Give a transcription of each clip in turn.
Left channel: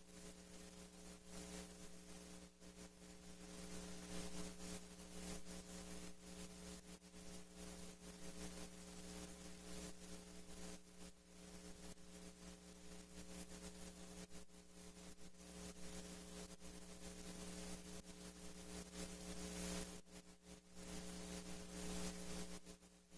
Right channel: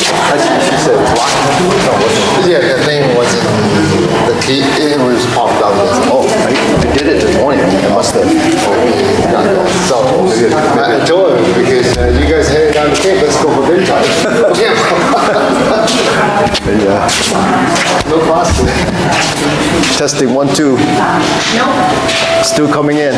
She said block. No, wasn't. Yeah, the thing wasn't. The key. It was popped out. Oh, I did it this morning. I must have. So I told her because you guys headed down the camp. Let's go for dinner time. Yeah. No cost. Testing 1, 2. No. Still coming in.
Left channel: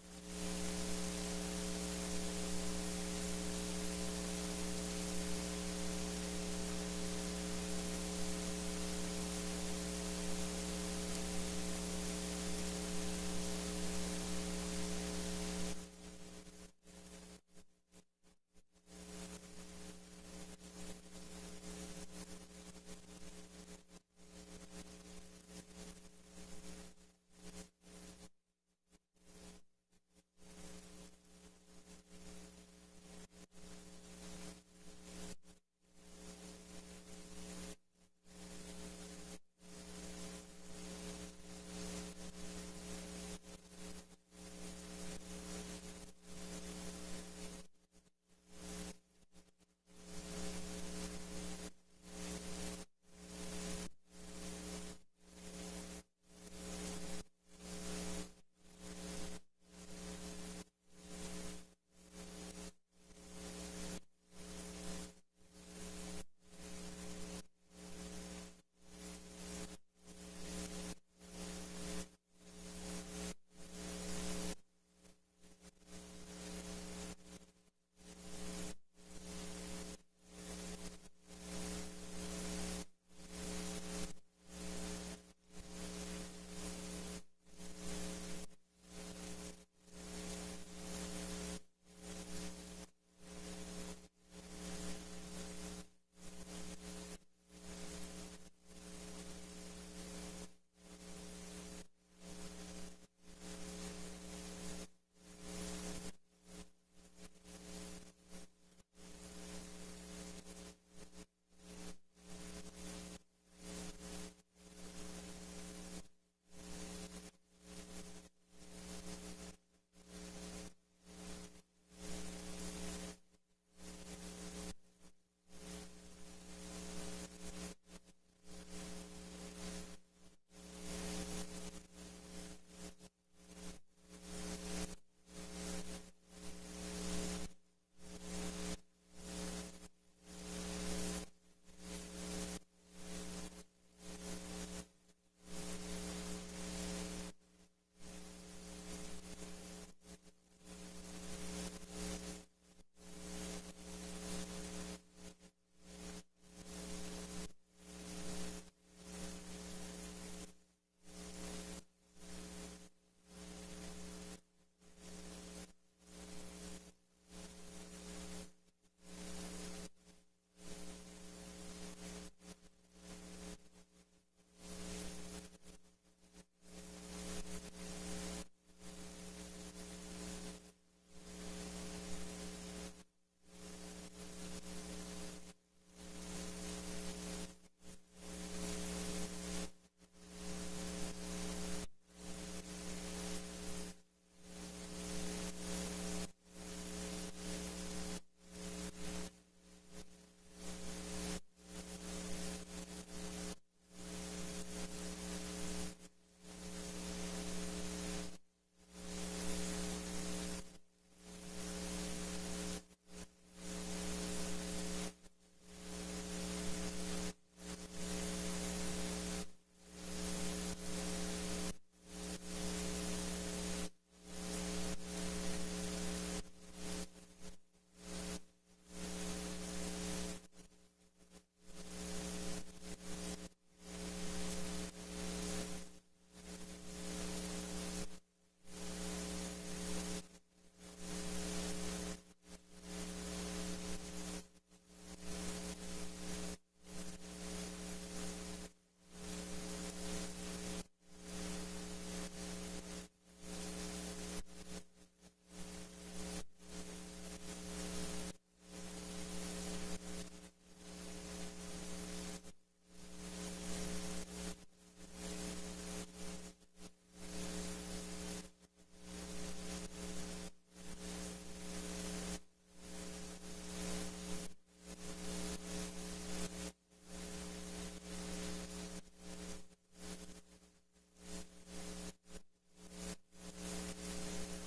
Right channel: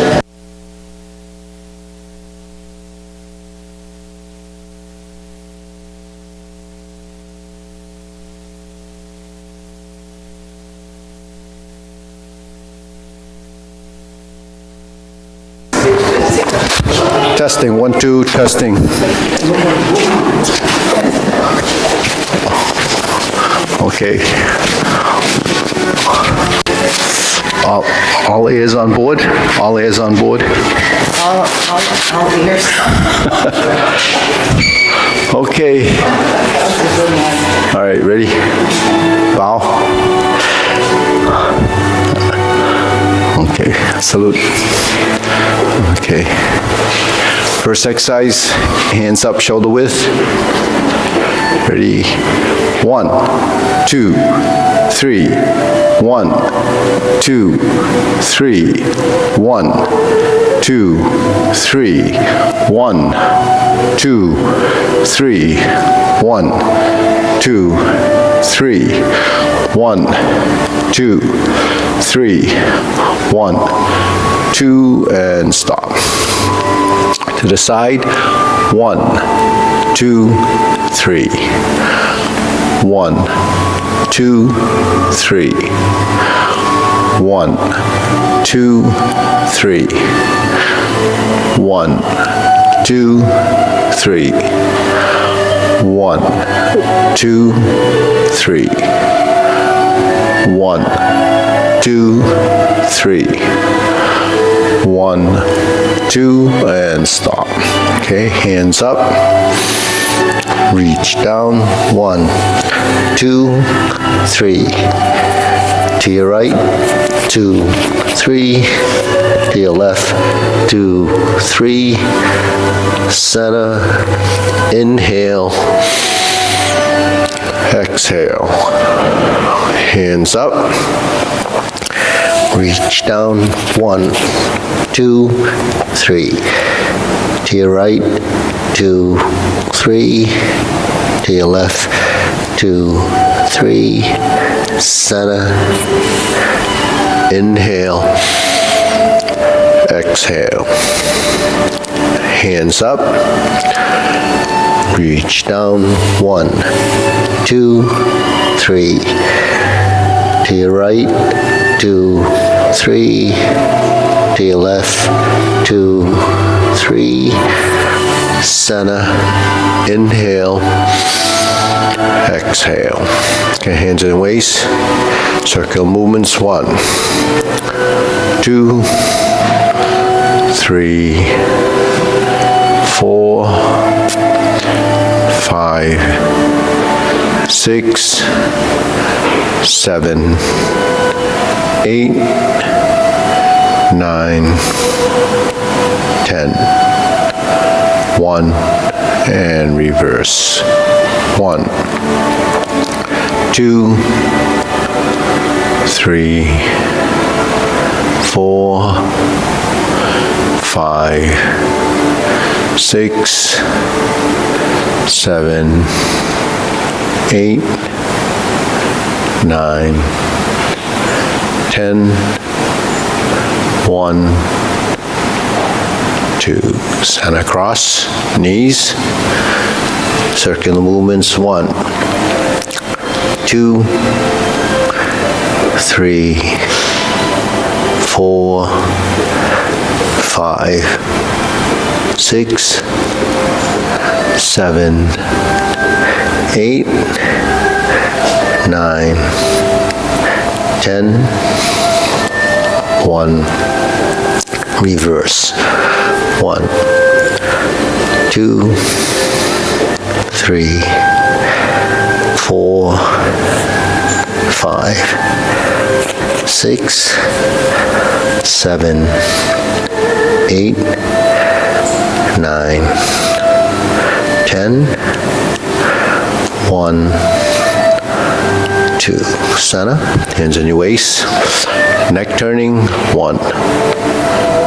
Testing, 1, 2, testing. Okay. All ears on board? All ears on board? All ears. Okay. All right, ready? Bow. Okay, salute. Okay. First exercise, hands up, shoulder width. Ready? 1, 2, 3. 1, 2, 3. 1, 2, 3. 1, 2, 3. 1, 2, 3. 1, 2, 3. 1, 2, and stop. To the side, 1, 2, 3. 1, 2, 3. 1, 2, 3. 1, 2, 3. 1, 2, 3. 1, 2, 3. 1, 2, and stop. Okay, hands up. Reach down. 1, 2, 3. To your right. 2, 3. To your left. 2, 3. Center. Inhale. Exhale. Hands up. Reach down. 1, 2, 3. To your right. 2, 3. To your left. 2, 3. Center. Inhale. Exhale. Hands up. Reach down. 1, 2, 3. To your right. 2, 3. To your left. 2, 3. Center. Inhale. Exhale. Okay, hands in waist. Circle movements. 1, 2, 3, 4, 5, 6, 7, 8, 9, 10. 1, and reverse. 1, 2, 3, 4, 5, 6, 7, 8, 9, 10. 1, 2. Center cross, knees. Circular movements. 1, 2, 3, 4, 5, 6, 7, 8, 9, 10. 1. Reverse. 1, 2, 3, 4, 5, 6, 7, 8, 9, 10. 1, 2. Center, hands on your waist. Neck turning, 1,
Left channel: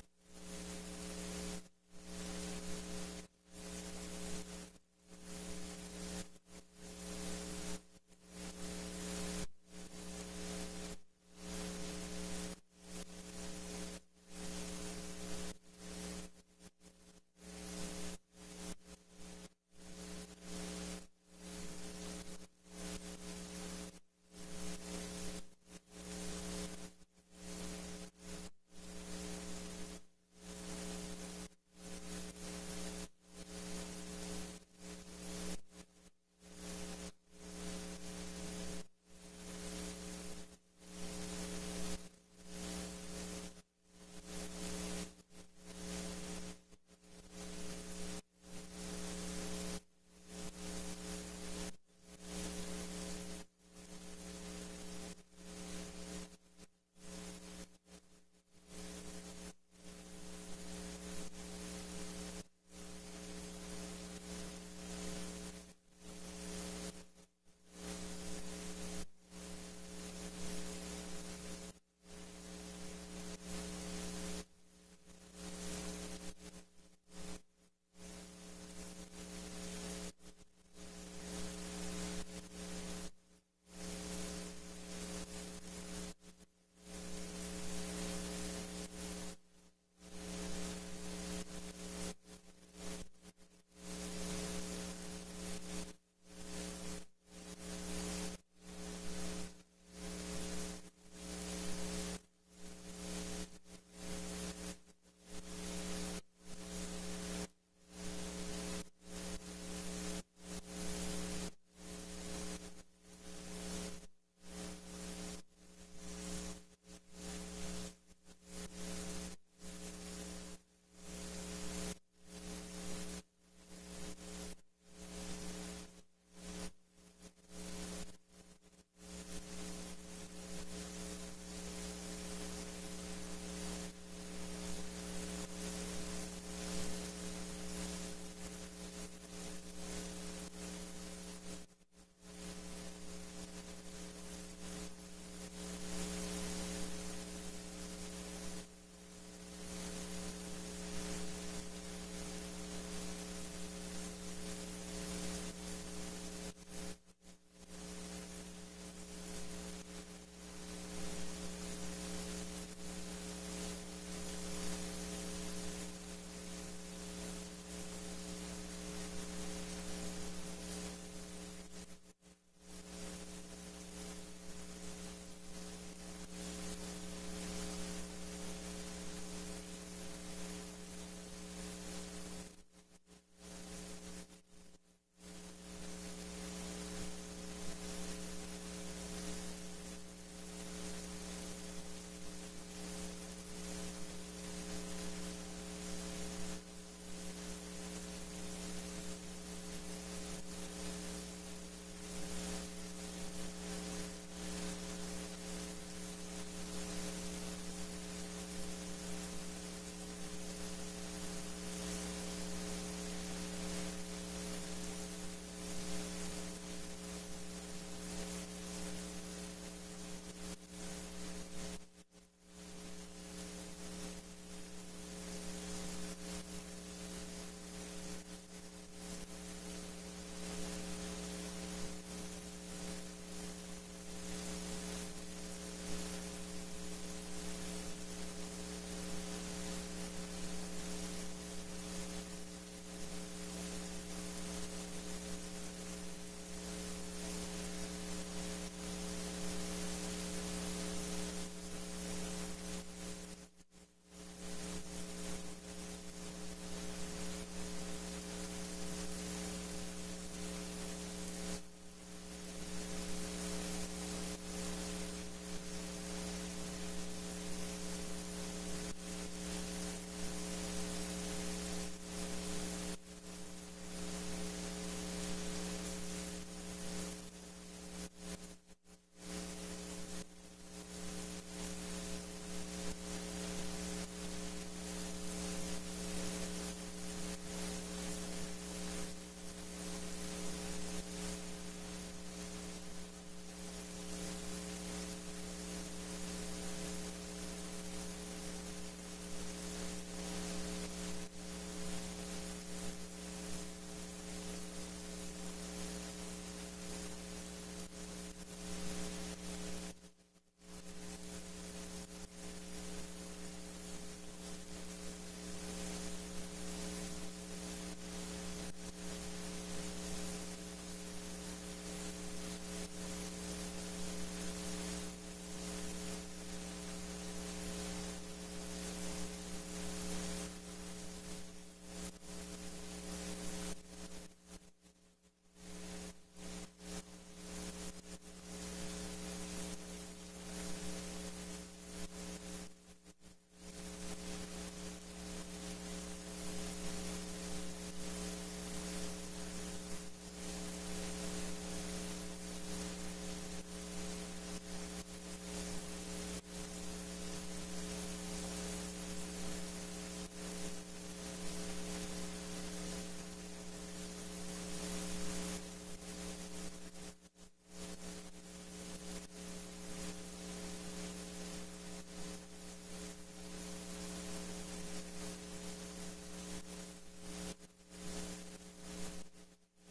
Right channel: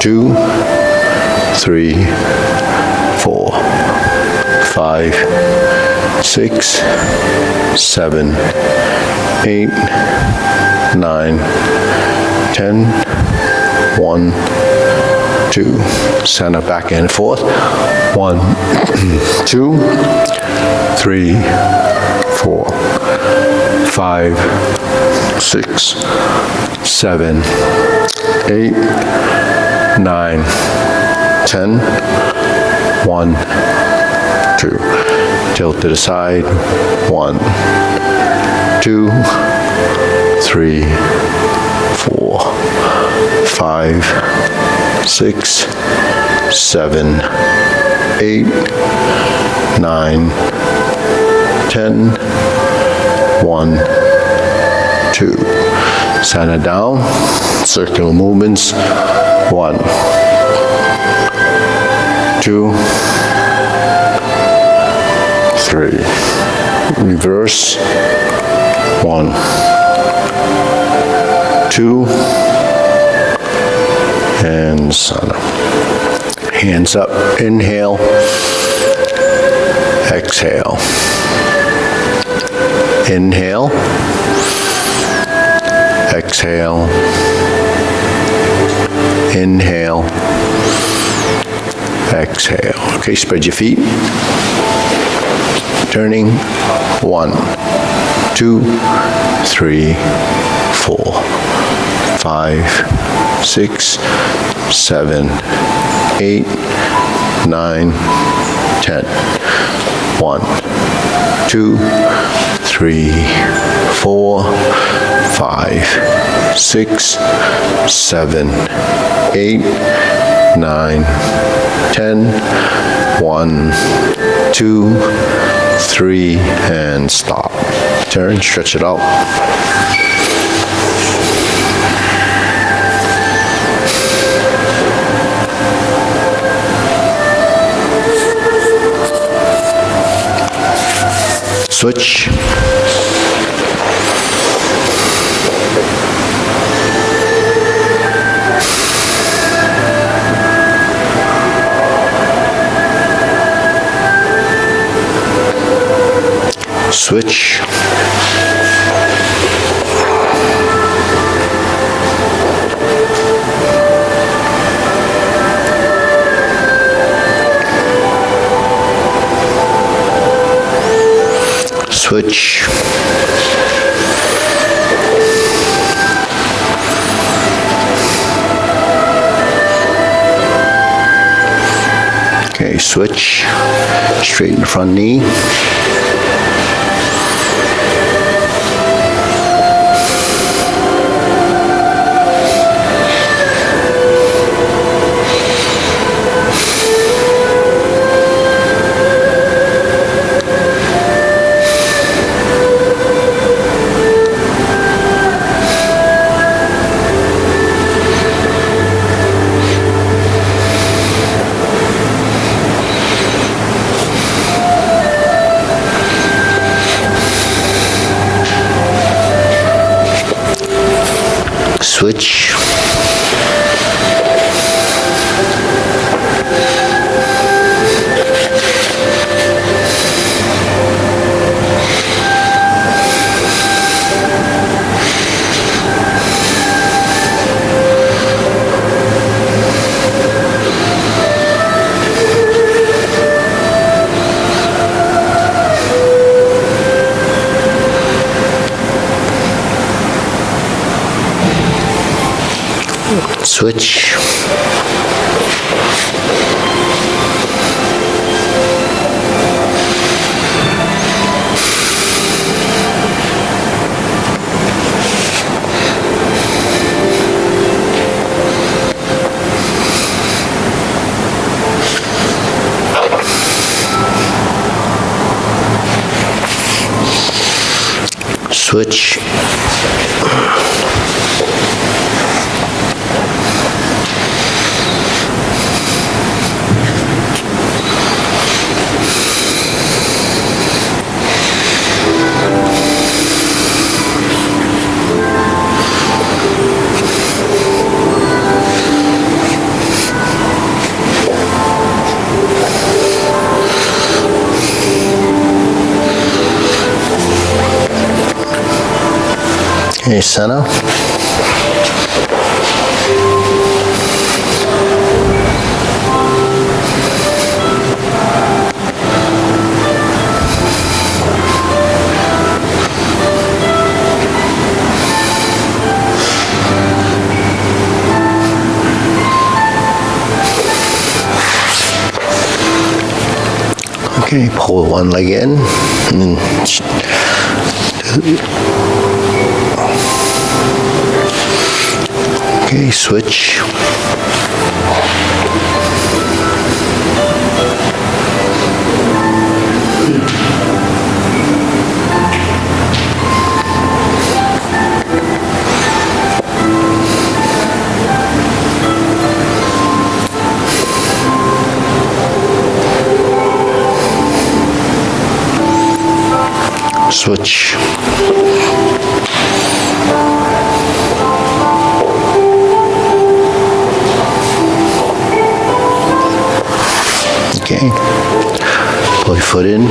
2, 3, 4, 5, 6, 7, 8, 9, 10, 1, 2. Center, back and forth. 1, 2, 3, 4, 5, 6, 7, 8, 9, 10, 1, 2. Tilt to the side. 1, 2, 3, 4, 5, 6, 7, 8, 9, 10, 1, 2. Center down, circular movements. 1, 2, 3. Reverse. 1, 2, and center. Hands up, inhale, exhale. Inhale, exhale, inhale, exhale. Okay, spread your feet. Turning. 1, 2, 3, 4, 5, 6, 7, 8, 9, 10. 1, 2, 3, 4, 5, 6, 7, 8, 9, 10. 1, 2, 3, and stop. Turn, stretch it out. Switch. Switch. Switch. Okay, switch. Straighten the front knee. Switch. Switch. Switch. Okay, center. Okay, pull one leg in, and then okay, switch. Switch. Okay. Pull your foot in.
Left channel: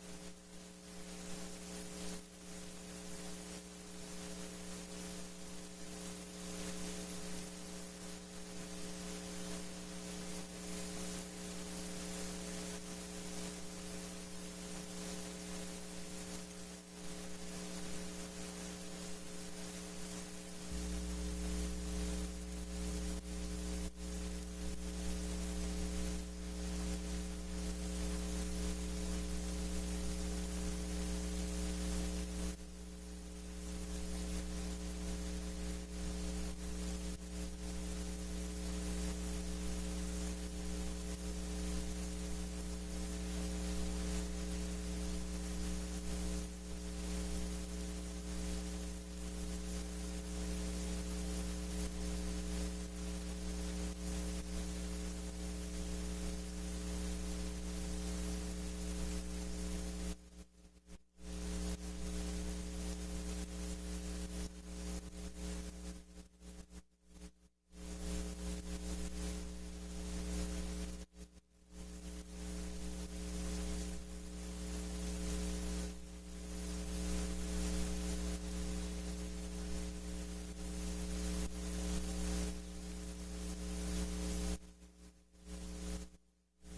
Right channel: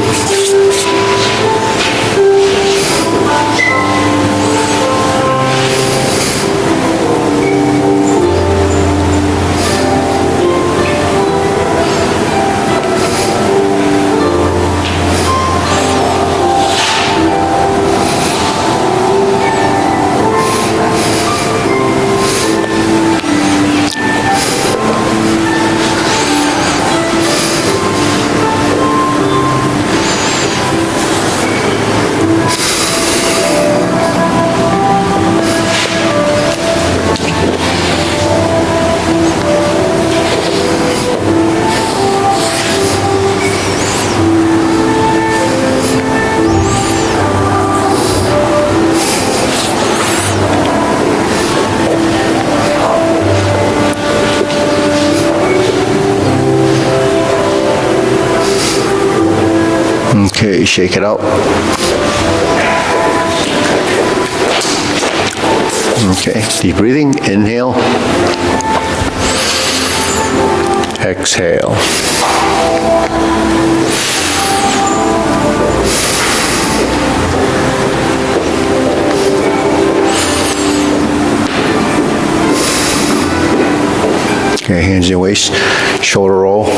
Okay, shake it out. Okay, deep breathing. Inhale. Exhale. Okay, hands in your waist, shoulder roll.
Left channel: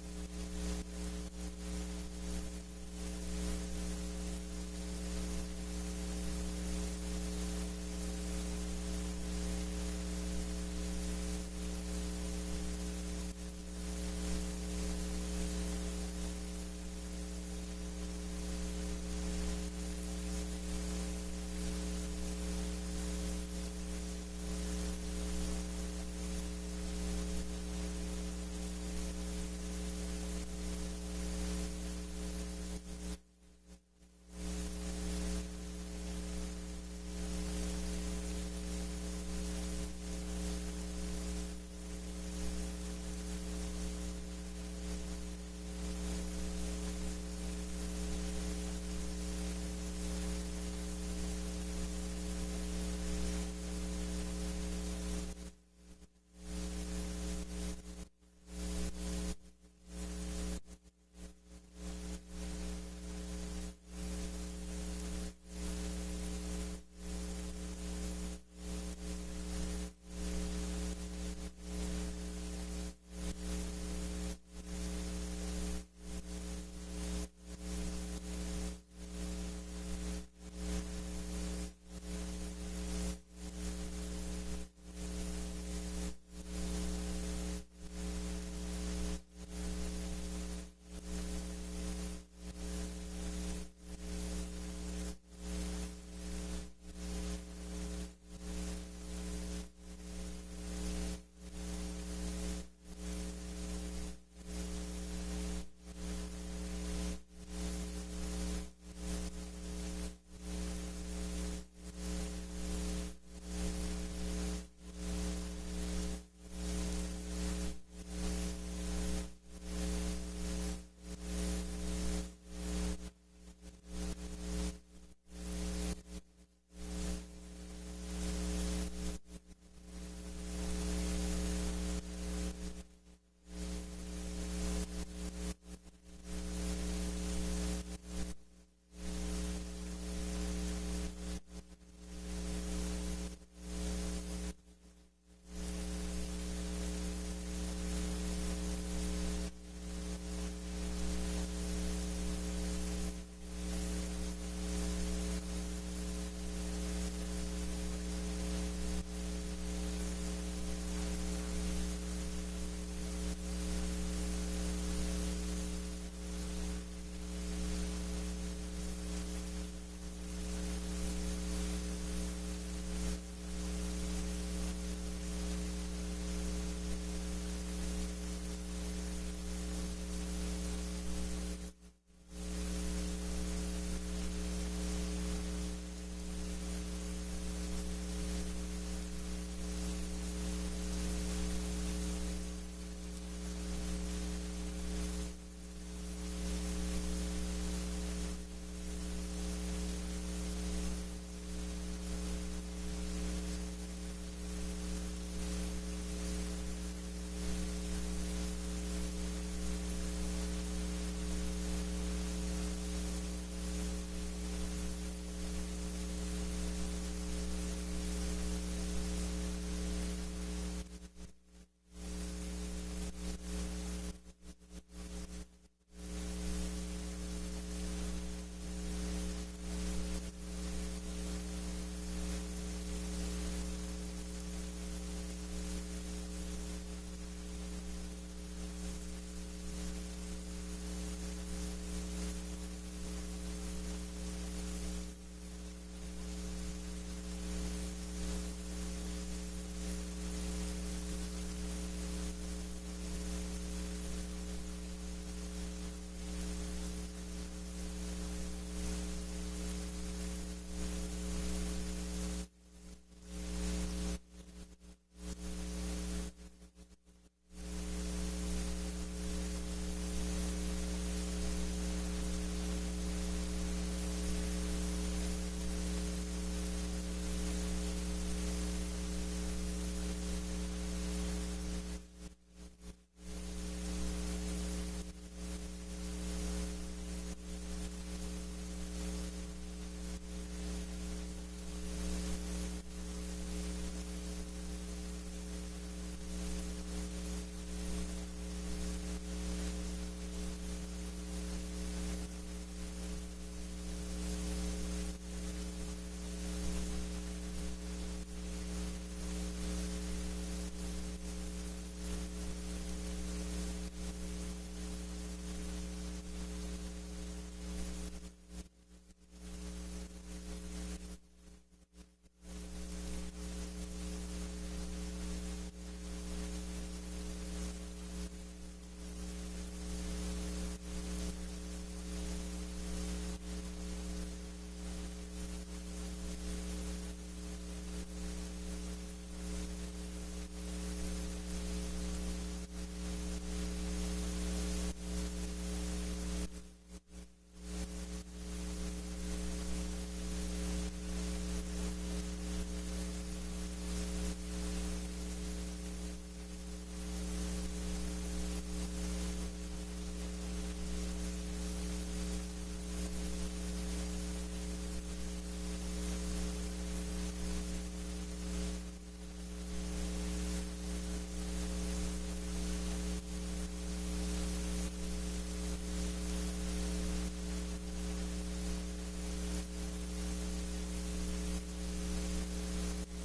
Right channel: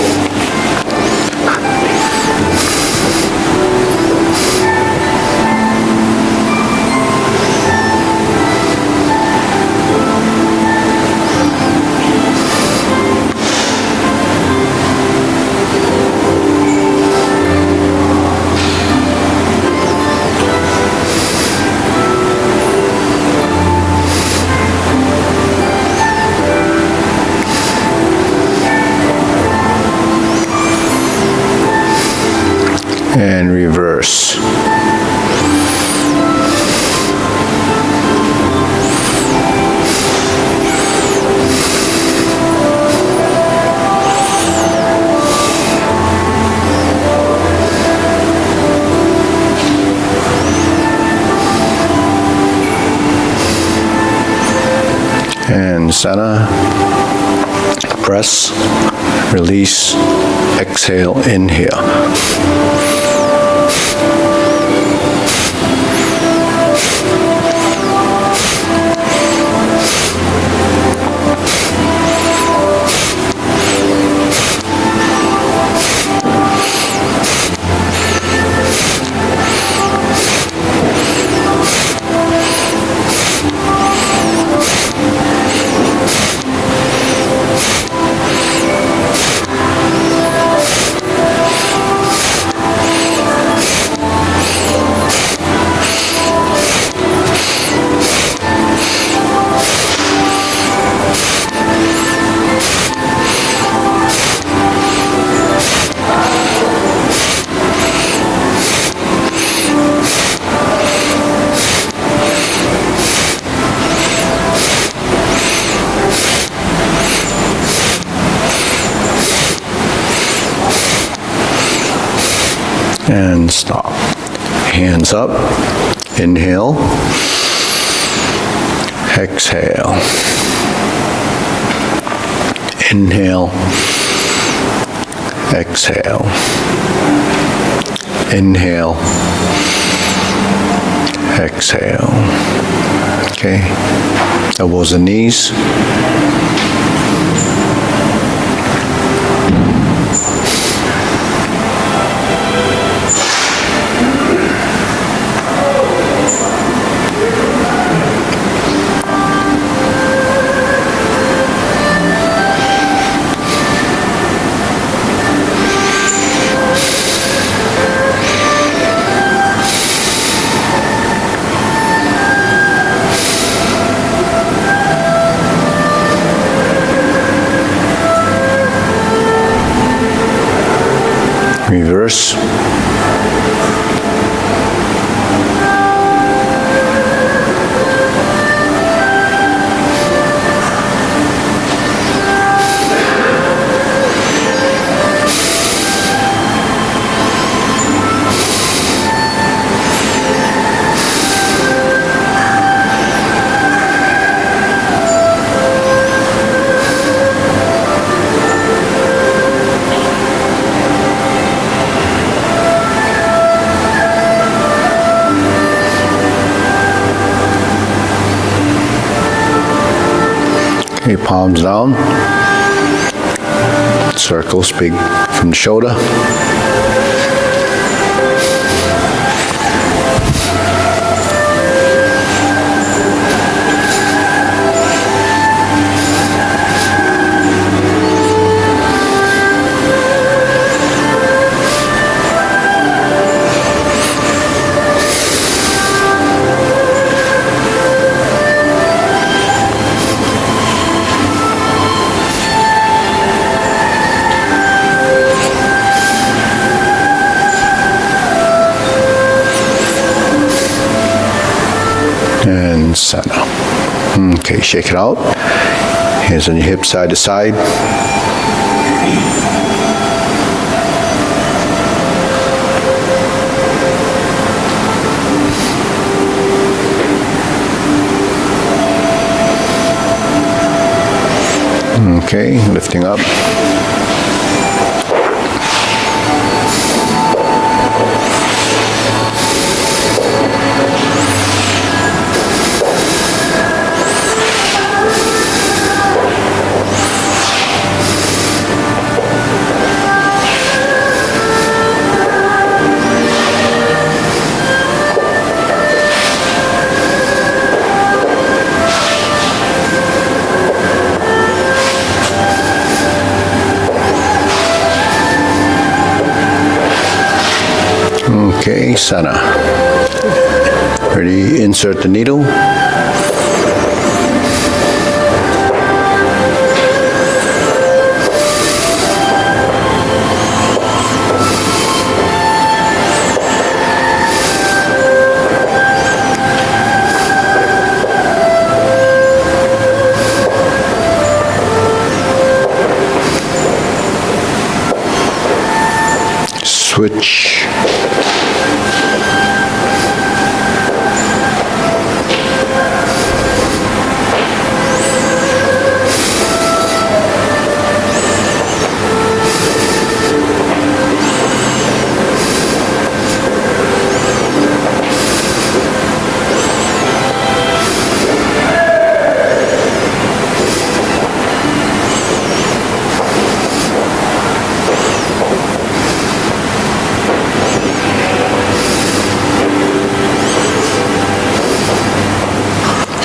And reverse. And center, press, release, exhale, inhale. And stop. Hands up. Inhale. Exhale. Inhale. Exhale. Inhale. Exhale. Okay. Elbows and knees. Reverse. Okay, palms down. Circles big from the shoulder. And center. Okay, shake it out. Hands on your hips, side to side. Okay, lifting up. Okay, center. Ready, insert the needle. Switch.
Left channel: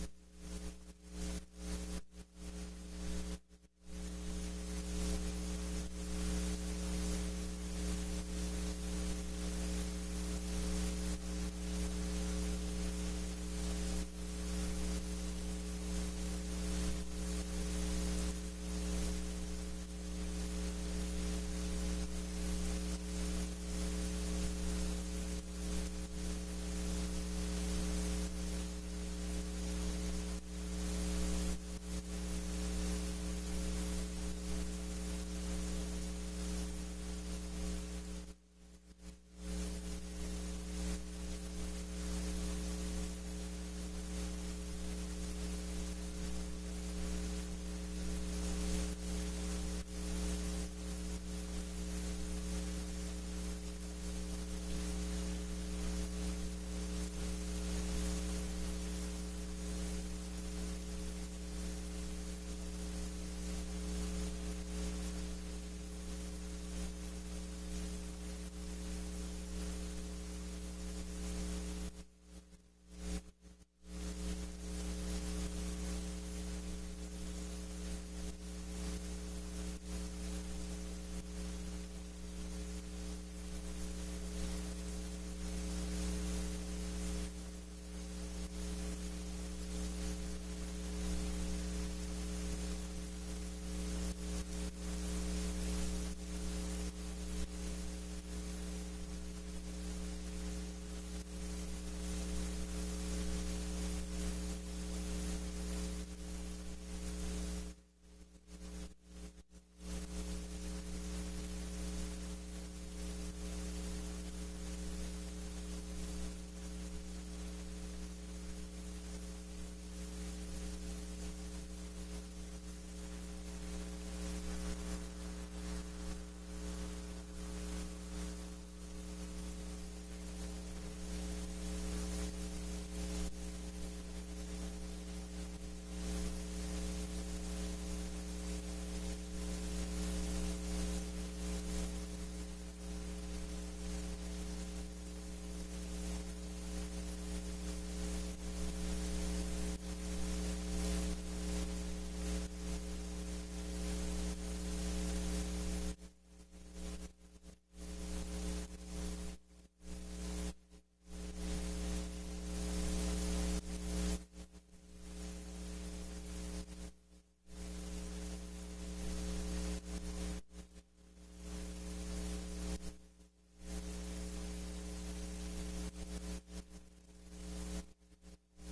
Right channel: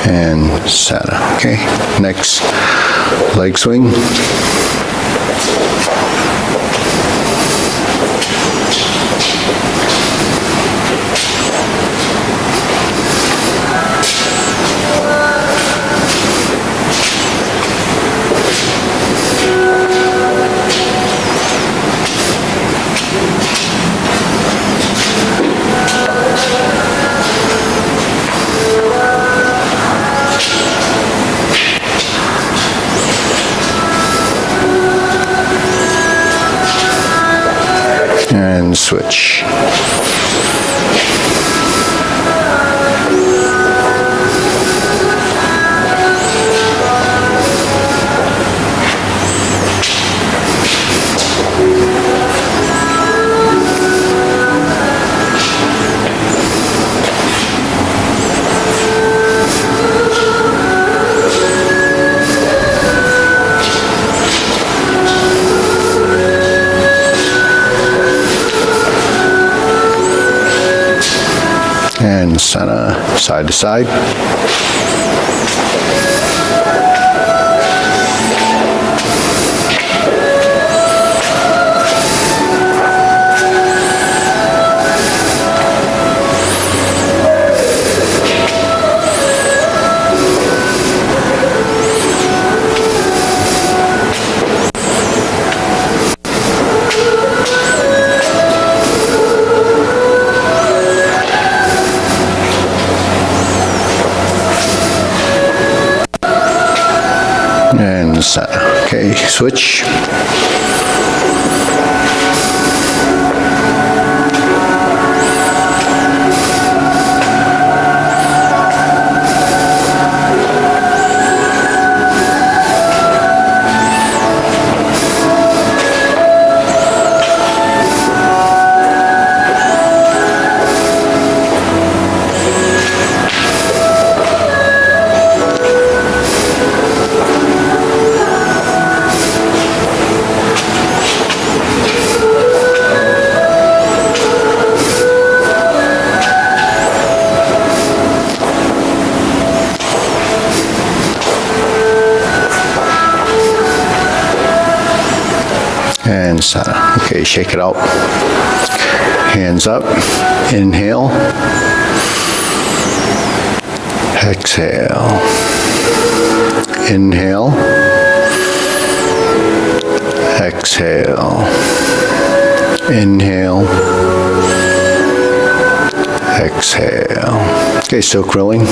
And center. Okay, next leg swing. And switch. And center, side to side. And center. Okay, switch. And center. Okay, shake it out. Hands up. Inhale. Exhale. Inhale. Exhale. Inhale. Exhale. Okay, still curling.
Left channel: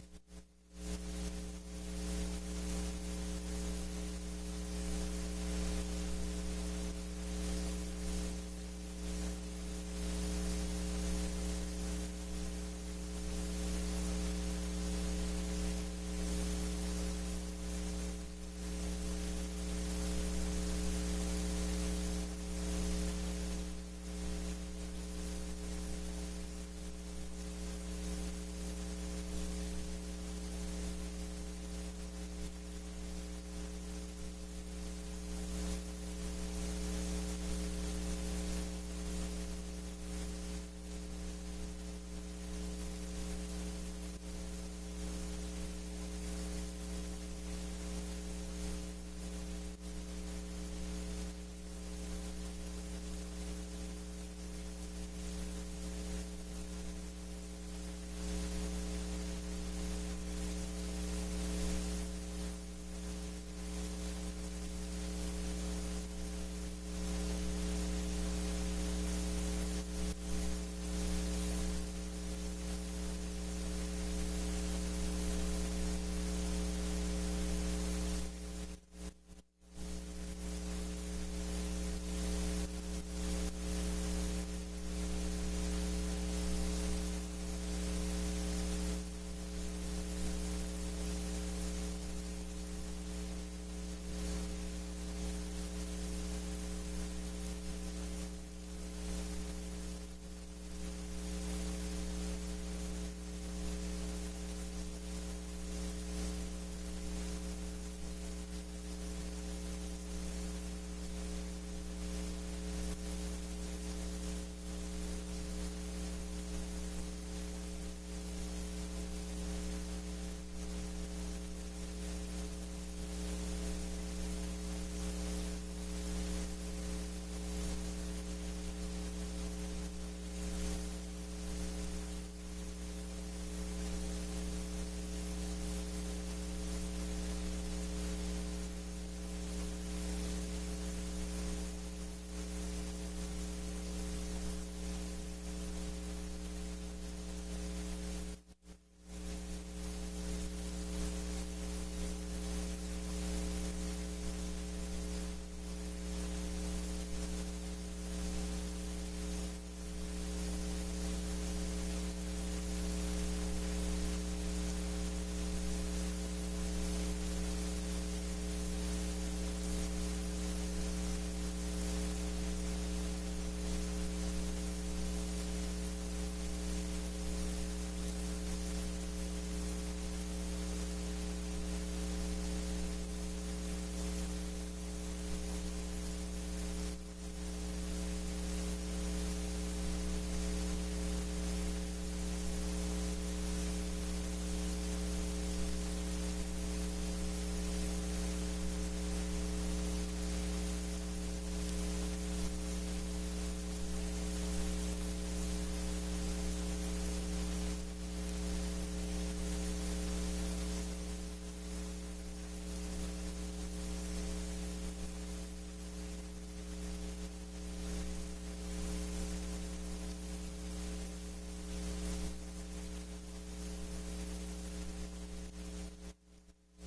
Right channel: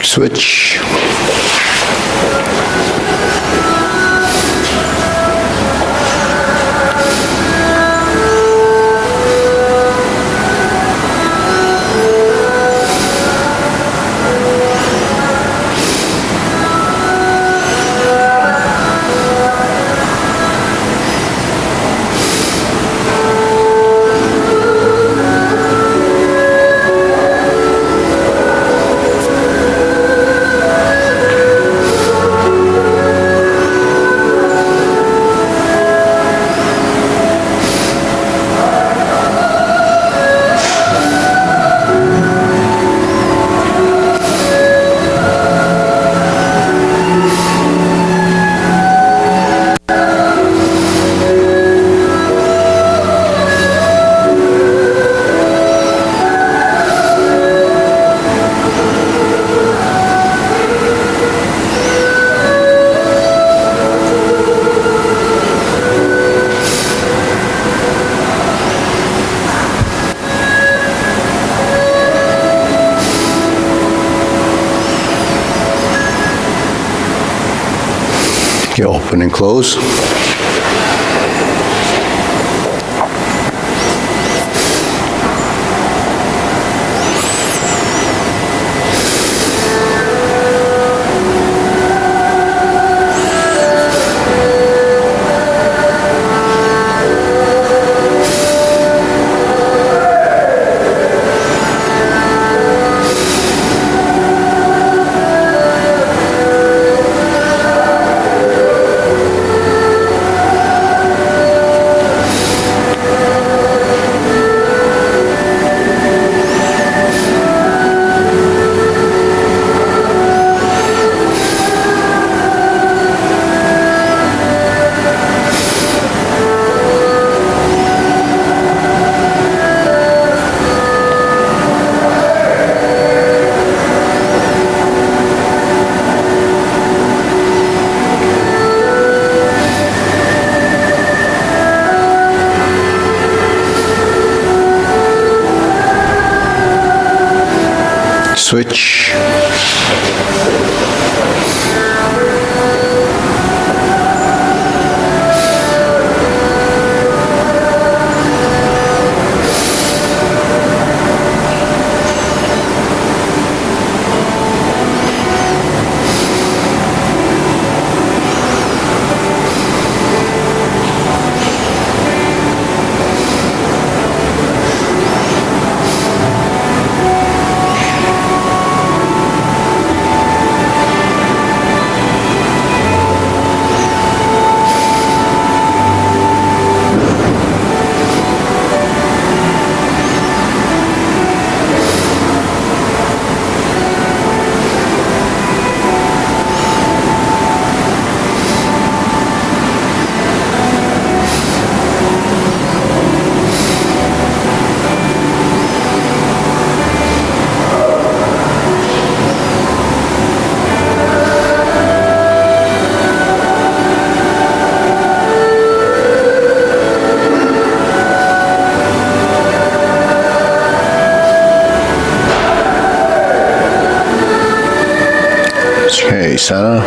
Switch. You open and close. Switch. Okay, center.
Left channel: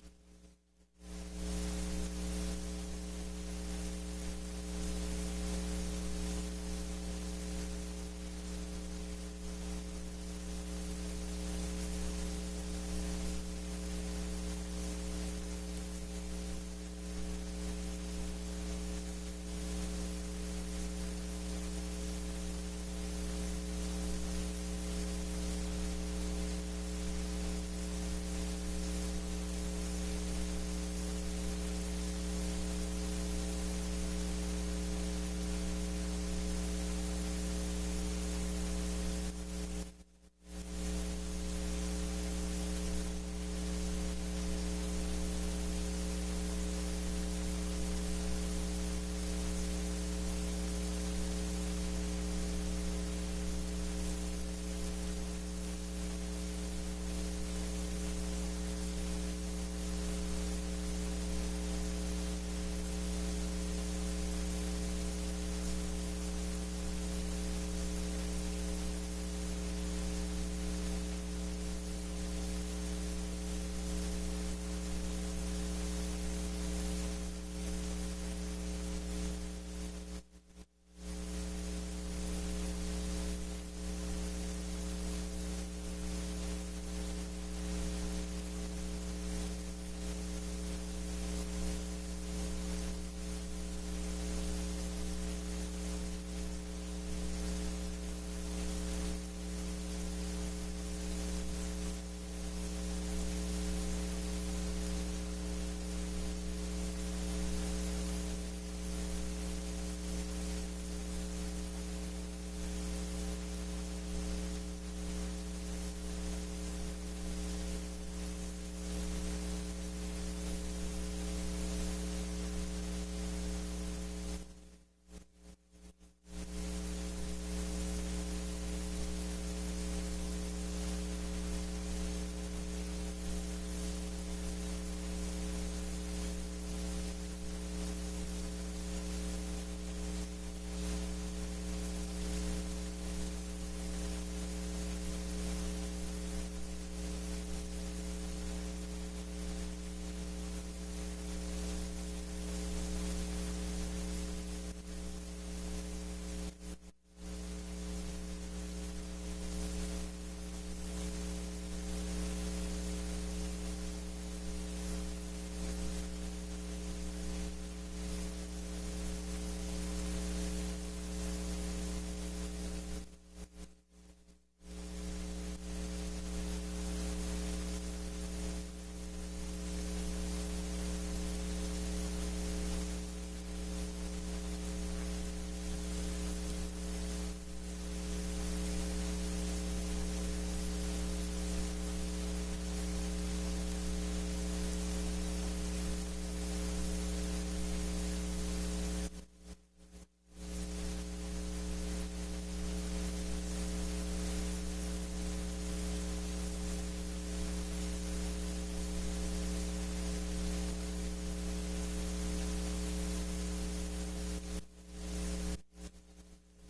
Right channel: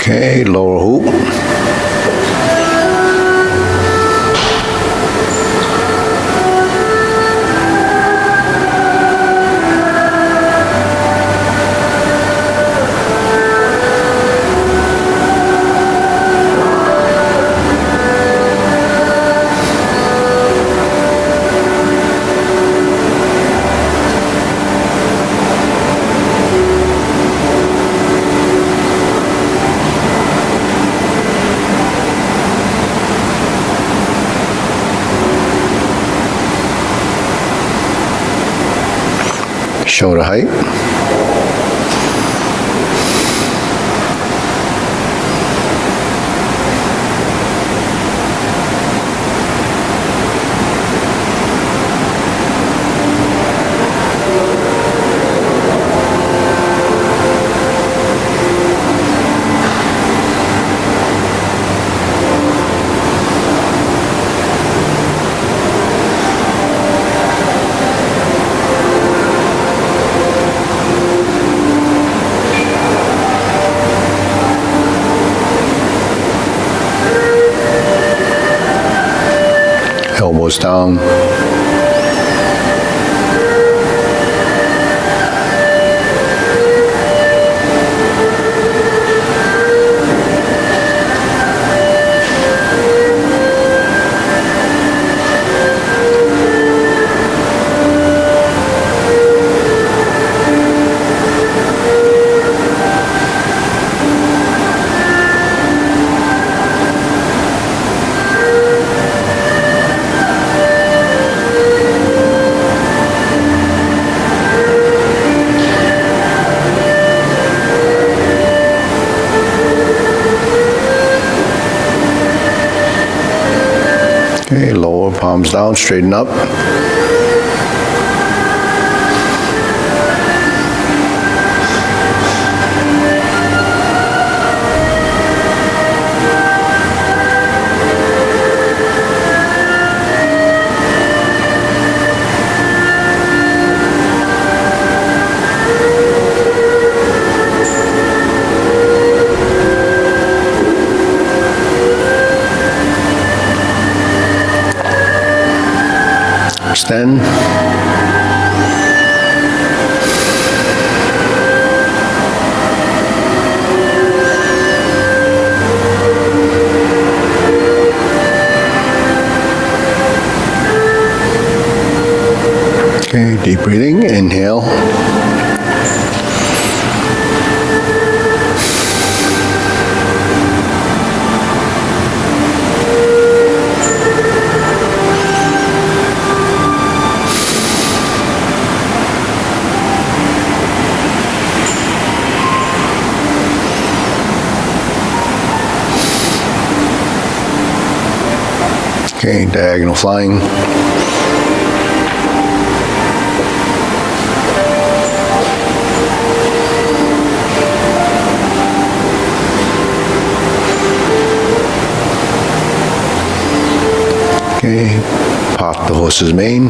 Okay, lower hoop. Shoulder height. Elbows down. Okay, lower palms down, straighten up. Extend. Okay, deep breathing, inhale. Okay, diagonal flying. Okay, pop the horse's mane.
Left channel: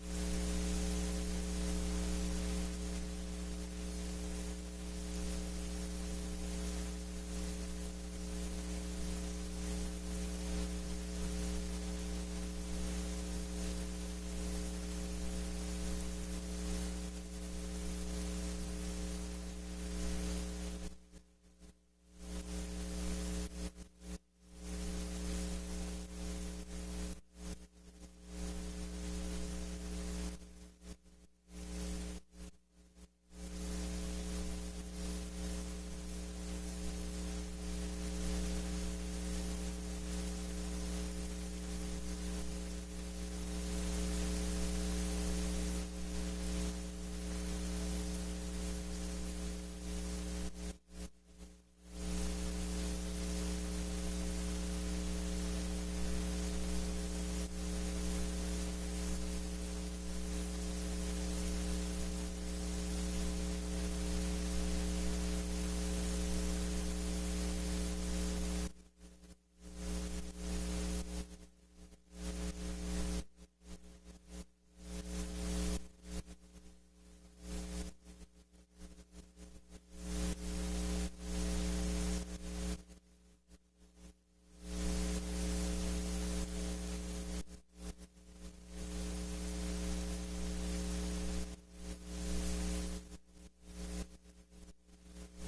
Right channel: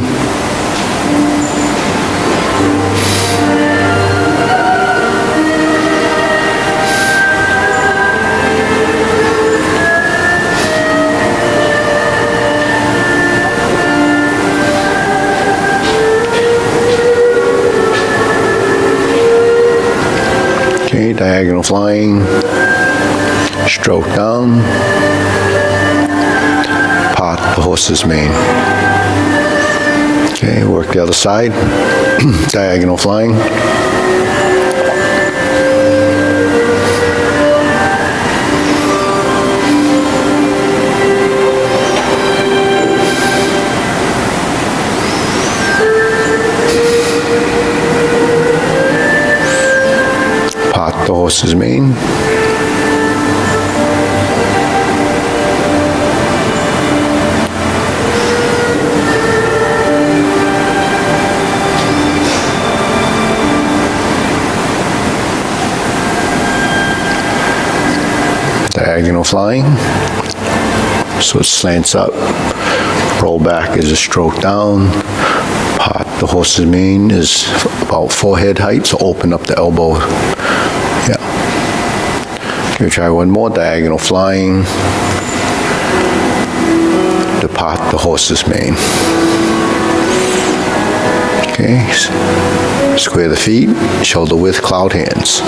Okay, diagonal flying, stroke down, part the horse's mane. Okay, work the other side, diagonal flying. The horse's mane. Diagonal flying. So it slants up. Roll back is a stroke down. Part the horse's mane is about forehead height, so open up the elbow. Yeah. Okay, try one more, diagonal flying. Depart the horse's mane. Okay, square the feet, shoulder width, cloud hands.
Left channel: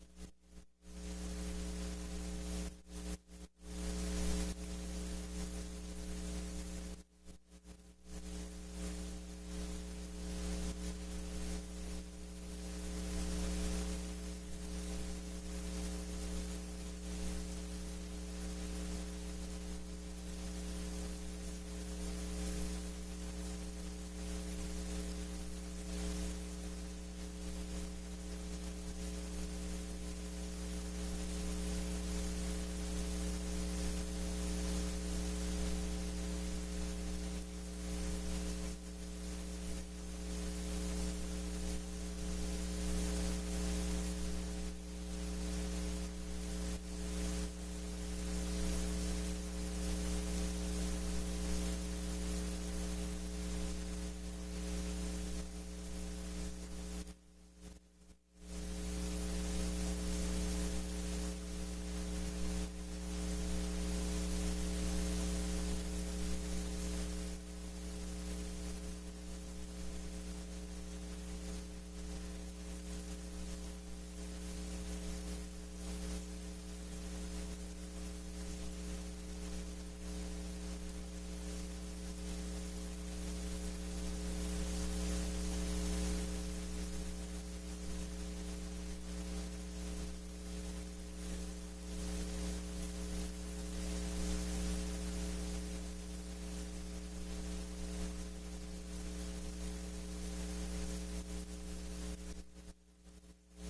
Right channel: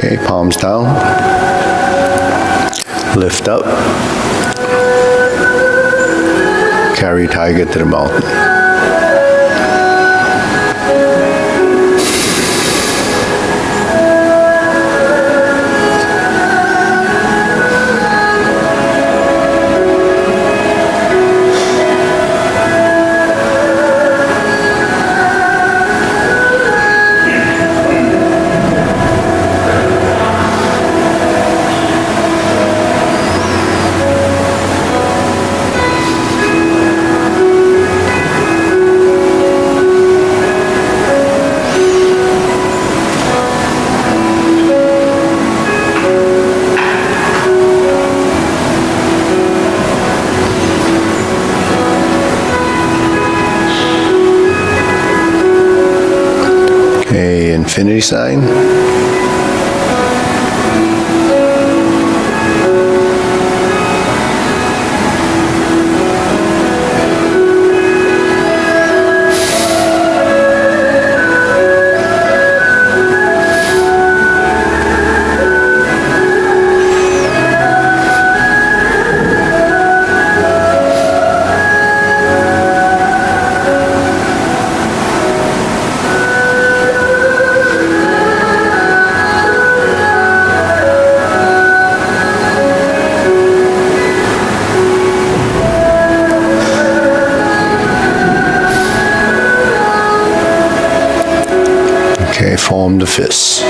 Okay, palms down. Lift up. Carry tiger to the mountain. Okay, infinity sign. Okay, form the fists.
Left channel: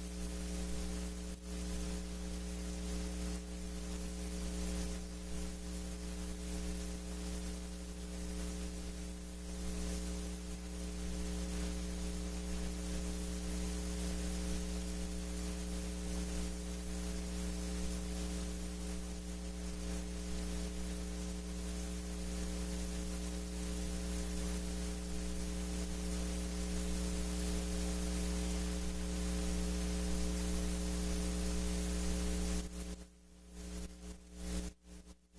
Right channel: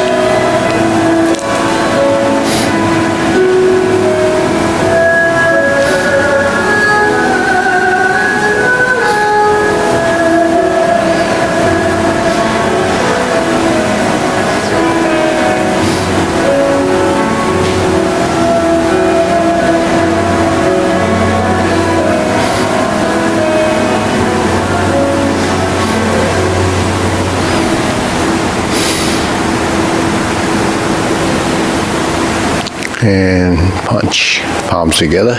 And punch. Palms together.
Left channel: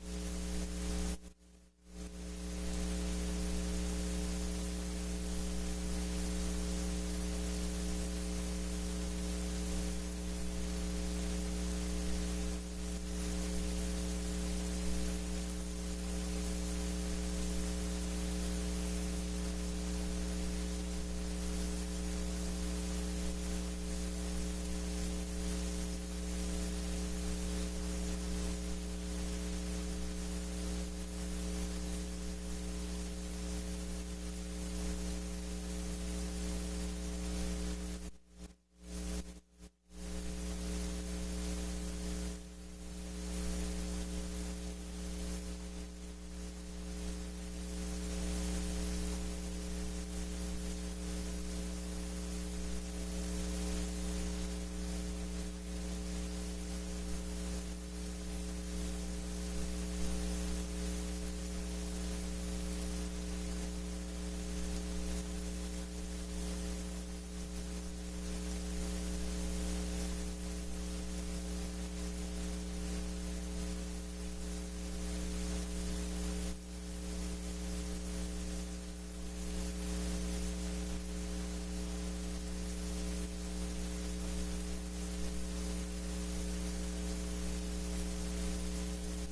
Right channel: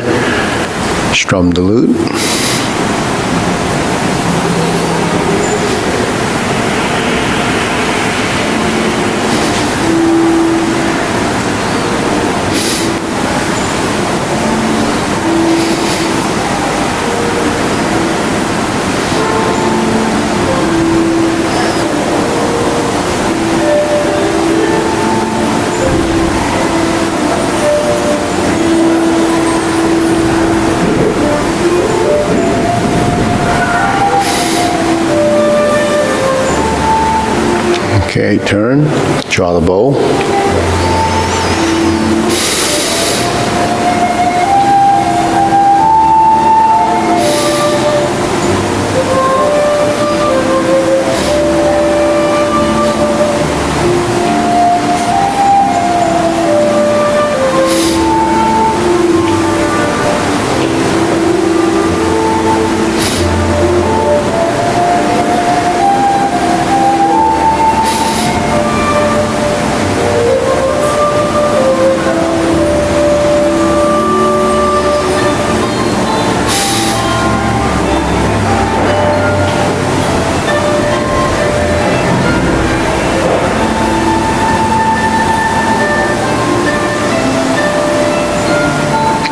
Strum the lute. Okay, turn, draw the bow.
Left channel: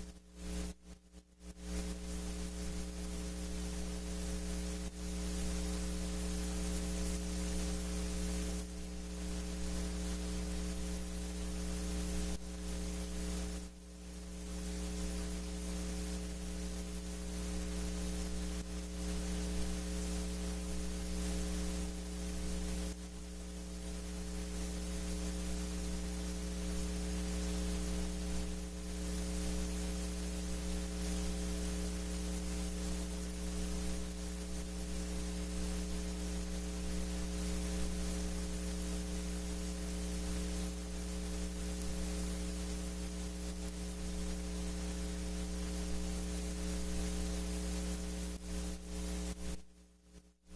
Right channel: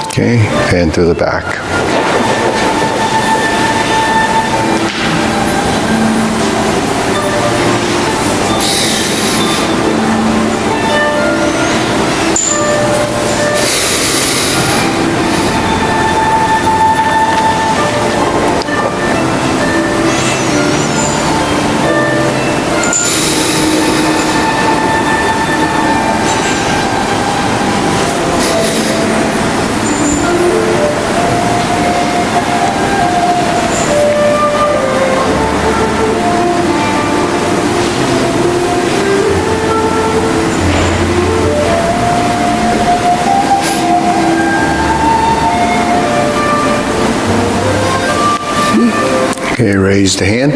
Okay, and through the back. Okay, raise the hand.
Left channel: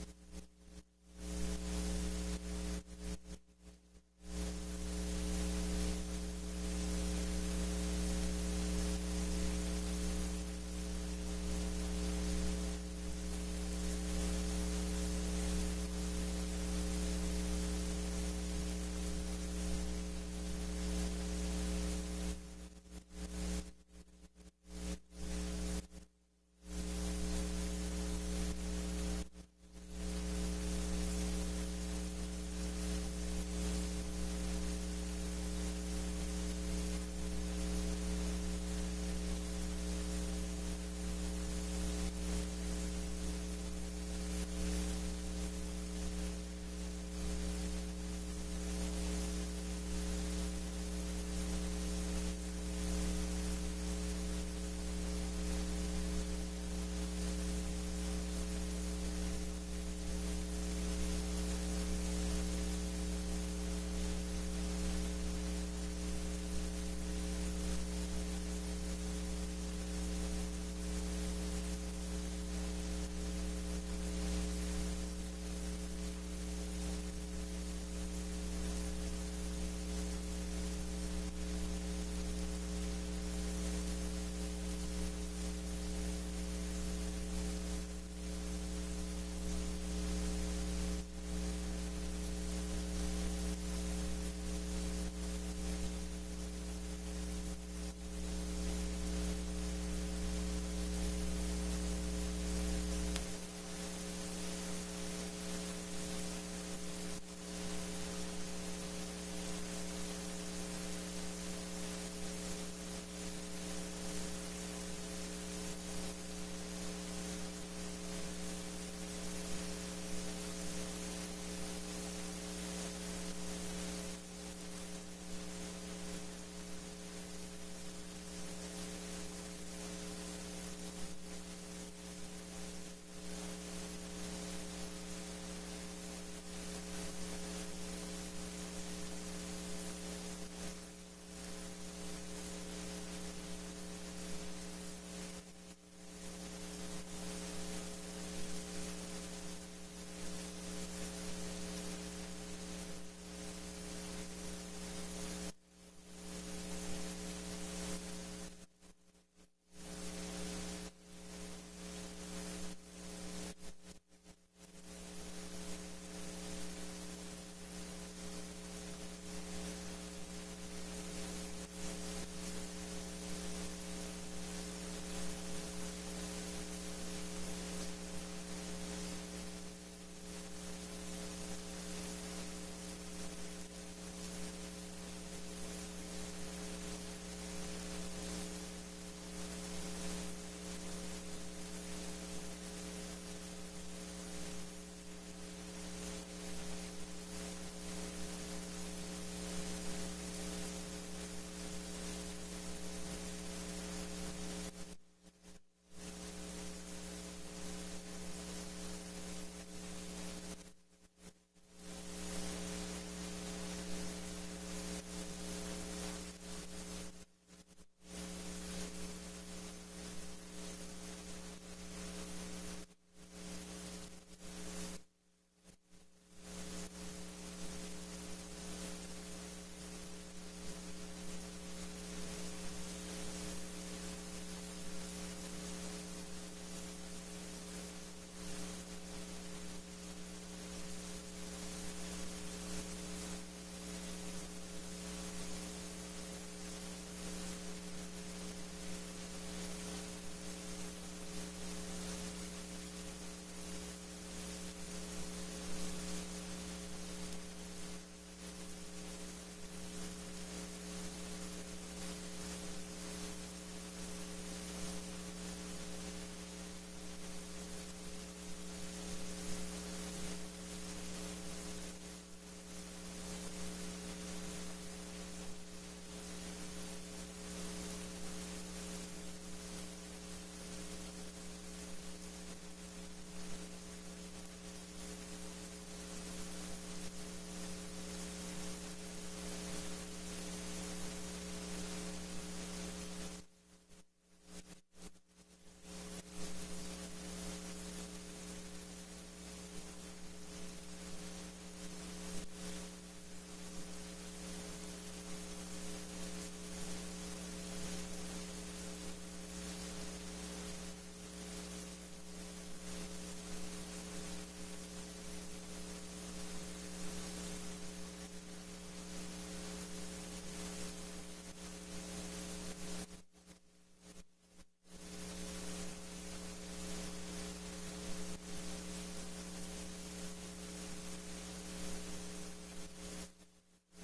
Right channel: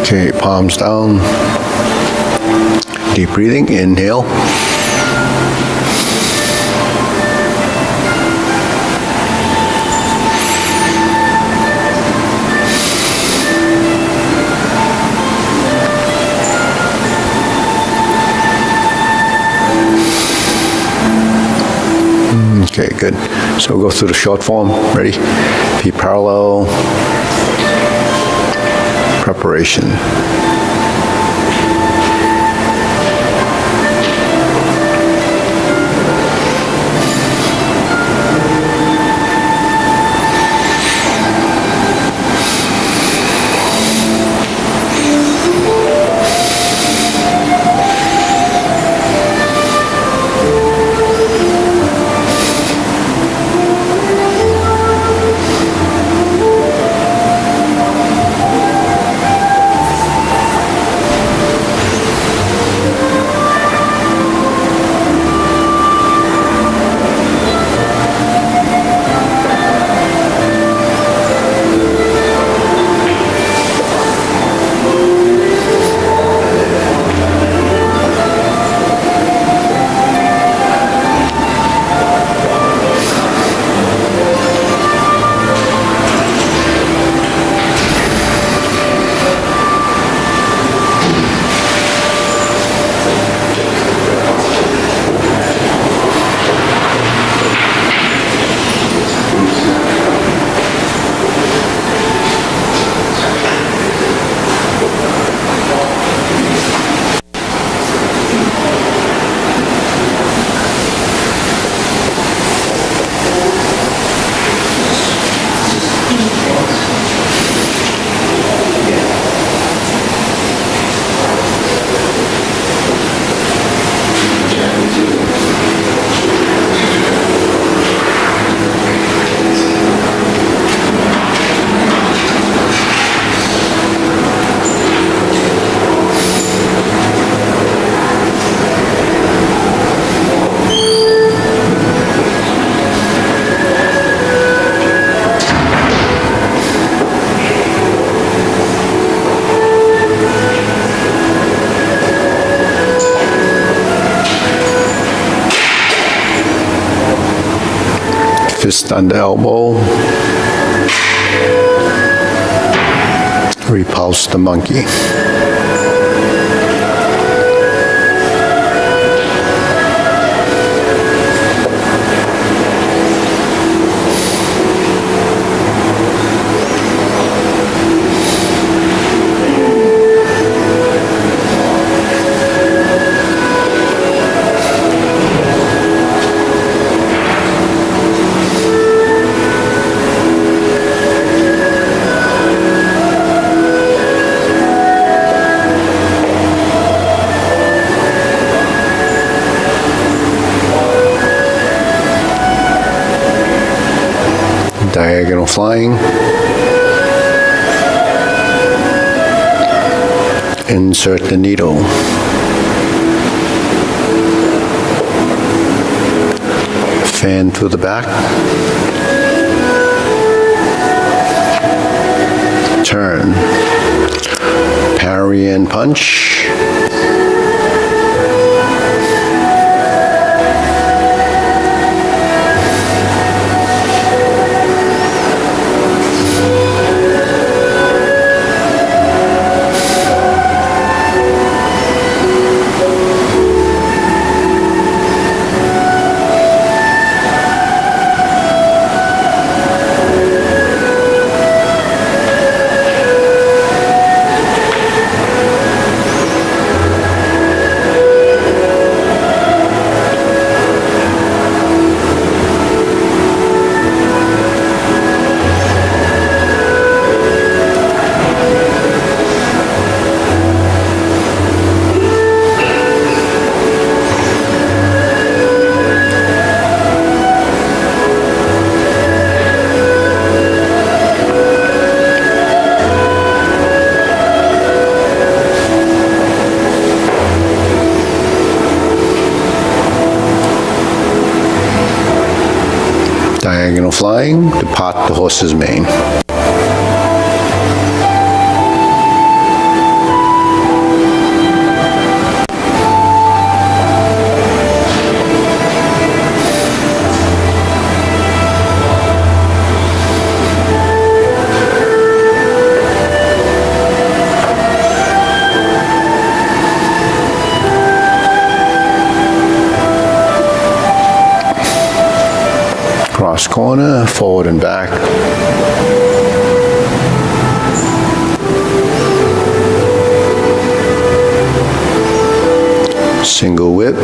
Okay, palms down. Deep breathing, inhale. Okay, good. So we'll go through the short form. Ready? Feet parallel. Preparation. Fist under elbow. Repulse the monkey. Diagonal flying. Insert the needle. Fan through the back. Turn. Parry and punch. Diagonal flying, depart the horse's mane. Cross corner, forward and back. Single whip.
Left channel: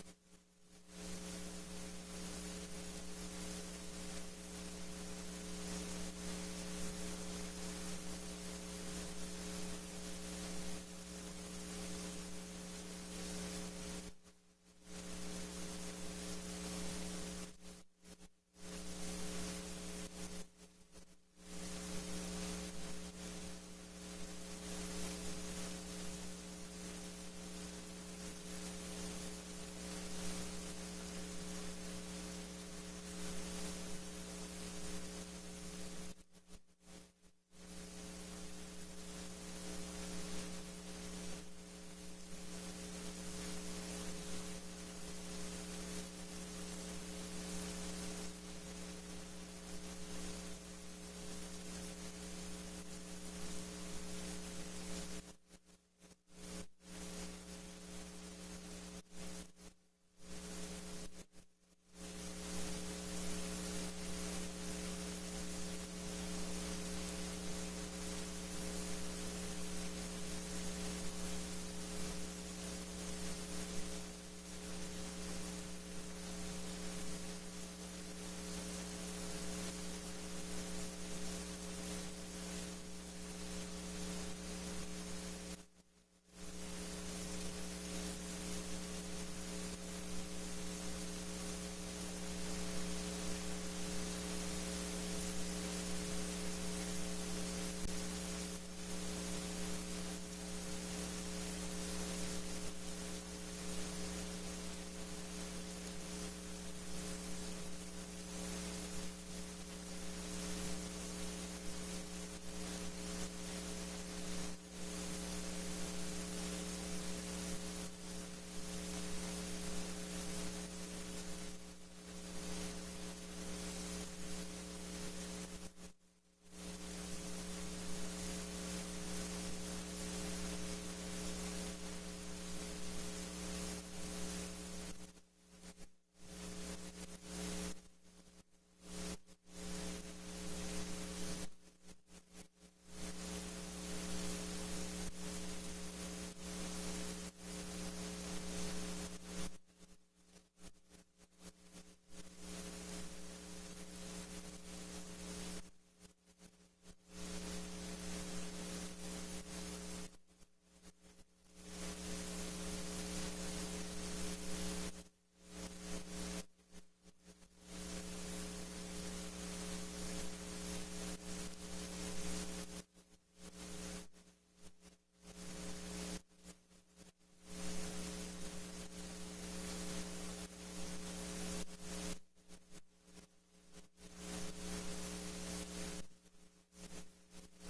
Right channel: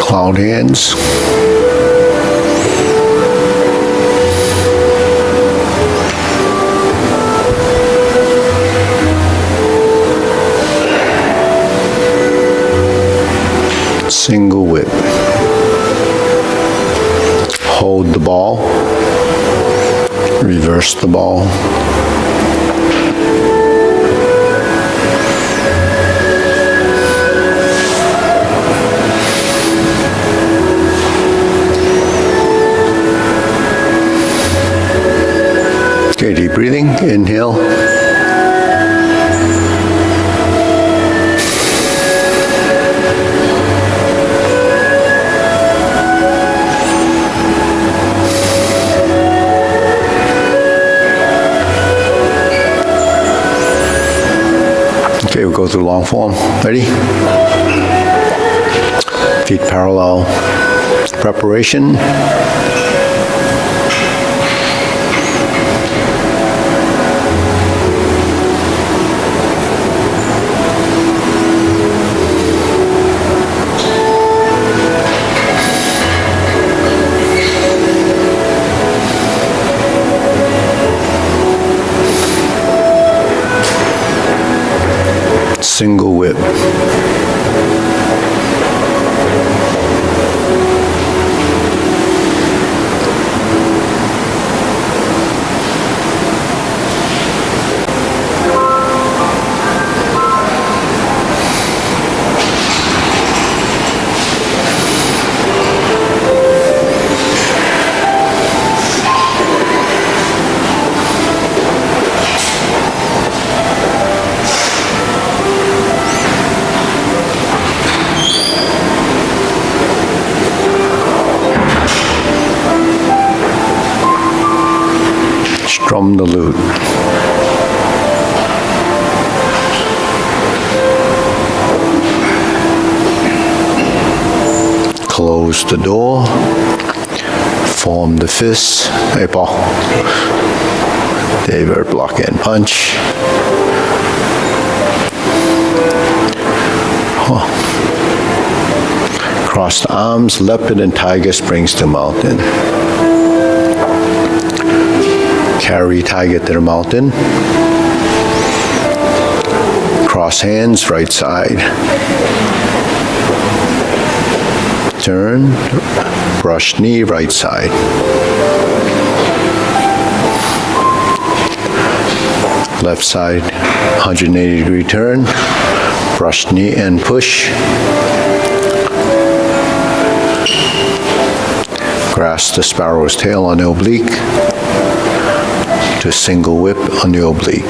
Cloud hands. Single whip. Hold the ball. Reverse the ball. Okay, deep breathing. Inhale. Okay, we'll go through long form. Ready? Feet parallel. Preparation. Single whip. close the door, form the fist, hey Paul, David block and punch. Cross the arms, leopard and tiger springs to mountain. Carry tiger to the mountain. Cross hands, right side. Turn, brush knee, right side. Left side, 180-degree turn, brush knee and push. Grasp the sparrow's tail on the oblique to single whip on the oblique.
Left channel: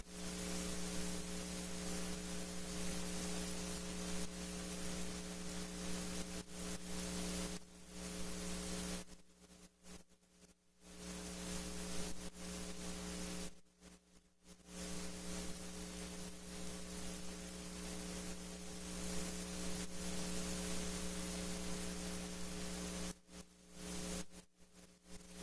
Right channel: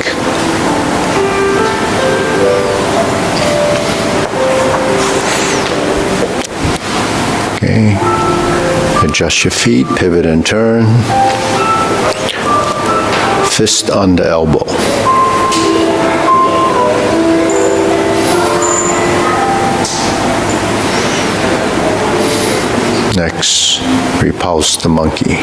Okay, adjust your feet, pivot and turn. Fist on the elbow. Next, repulse the monkey.